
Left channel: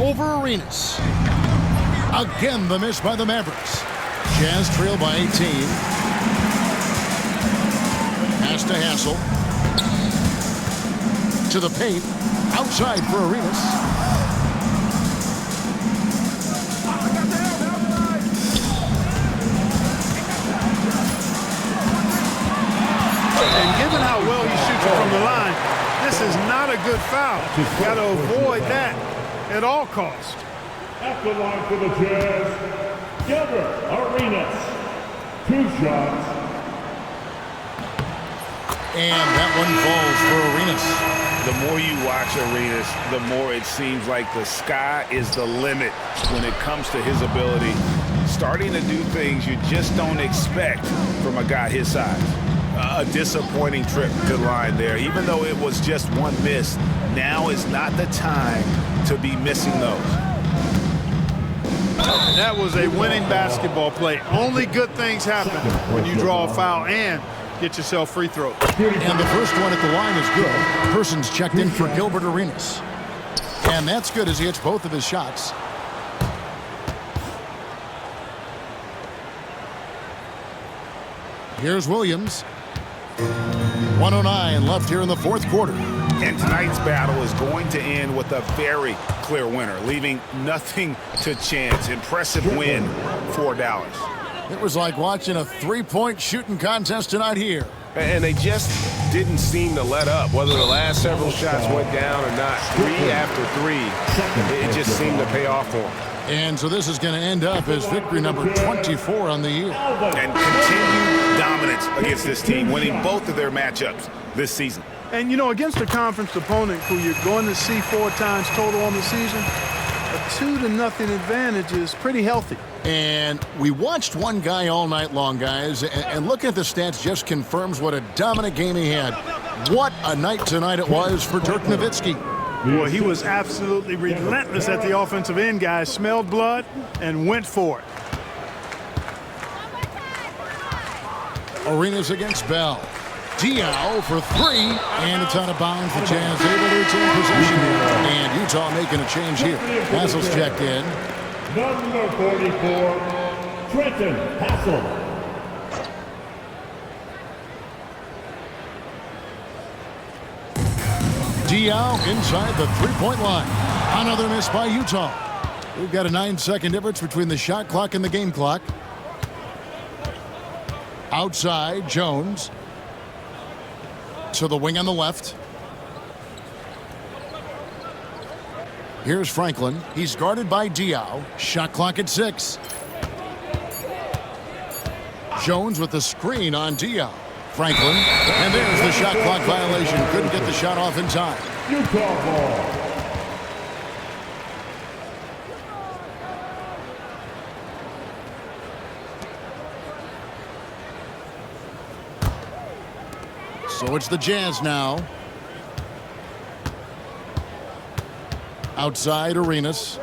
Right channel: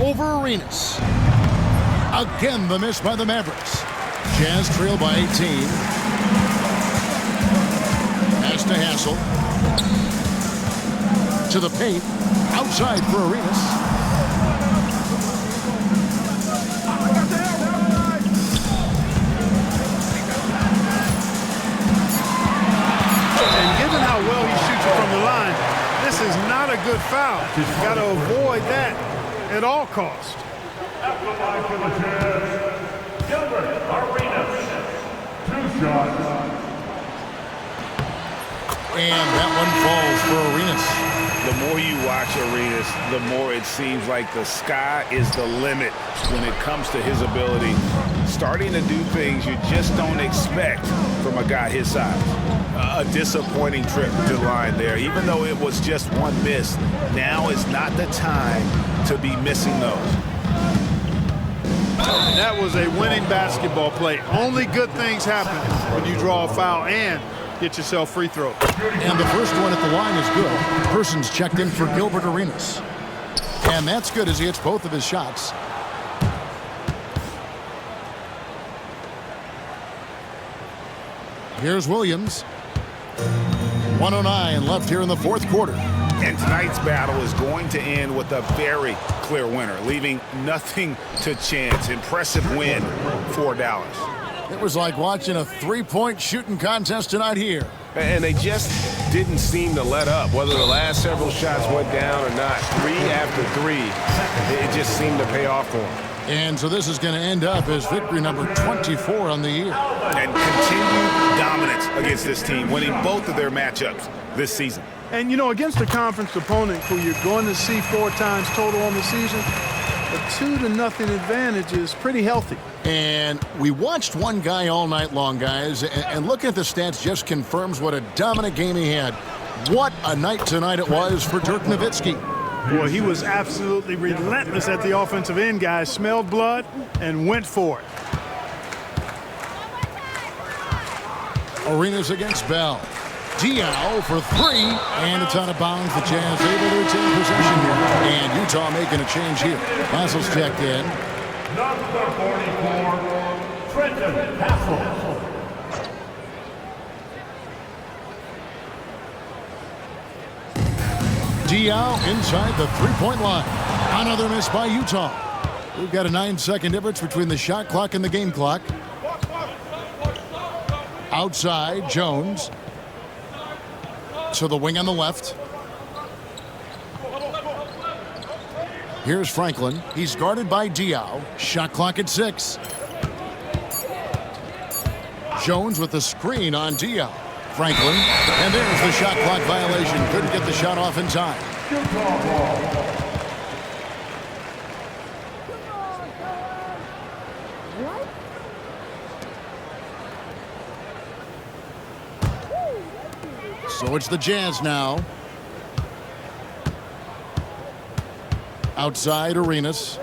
Over Arenas. Again, the miss by the Mavericks. Jazz trail by 18. Pass to Hassel. To the paint. Outside for Arenas. And given how well he shoots it from the line, this is not a good foul. Got to avoid that at all costs. At the line for the Jazz, Gilbert Arenas, 2 shots. And that one falls for Arenas. The more you watch Arenas, the more it seems like the sky is the limit when it comes to his ability. Starting to do things you just don't expect from a guy his size. A disappointing trip to the line there. Even though it was just 1 miss, now is not the time to be missing those. That was a winning basketball play. Only good things happen when you draw a foul and get yourself free throws. And the first one at the line is good. Person's checked in for Gilbert Arenas. And that's good as he hits both of his shots. Here's Williams. 1:09 left here in the fourth quarter. And tonight's battle is going to end with a very clear winner, leaving nothing to chance. Impressive win for Dallas. It was like watching a 3-point shooting contest tonight here. And they just didn't seem to let up, whether the last several shots went down or not. 3 after 3, it just seemed to pay off for them. And so this is going to end up as victory number 24 on the year. And continued dominance against this team, winning both of their matchups this season. And, you know, against a conference opponent who you're going to see 4 times total on the season, a 2-0 advantage is pretty healthy. And we watched one guy all night long, guys, and looking at the stats just confirms what a dominant game he had. What a night tonight it was for Dirk Nowitzki. Boy, he was absolutely relentless at the offensive end, guys. Smelled blood and went for it. Arenas against Bell. Diaw for 3, and it's out of bounds. The Jazz able to retain possession here. And Utah making a change here. Hassel's checked in. Number 44, Trenton Hassel. Diaw inside the 3-point line. Another miss by Utah. We've got a 9-second difference between the shot clock and the game clock. Outside, Jones. To the wing on the left. Here's Franklin. He's guarded by Diaw. Shot clock at 6. Jones with the screen on Diaw. Franklin, and there's the shot clock violation. Couldn't get the shot off in time. Utah ball. So it's the Jazz now. Outside Arenas.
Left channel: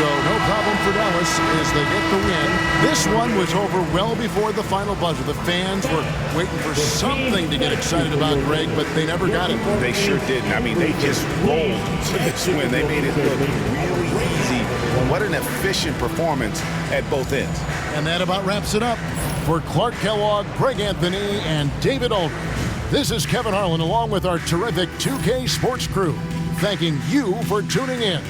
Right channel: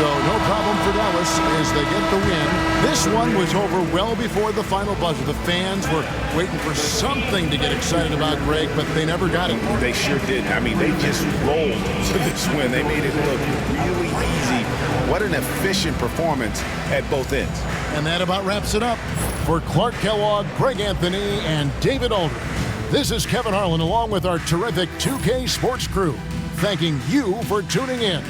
So no problem for Dallas as they get the win. This one was over well before the final buzzer. The fans were waiting for something to get excited about, Greg, but they never got it. They sure didn't. I mean, they just rolled to this win. They made it look really easy. What an efficient performance at both ends. And that about wraps it up. For Clark Kellogg, Greg Anthony, and David Aldridge, this is Kevin Harlan along with our terrific 2K Sports crew, thanking you for tuning in.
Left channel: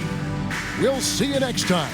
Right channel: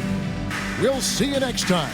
We'll see you next time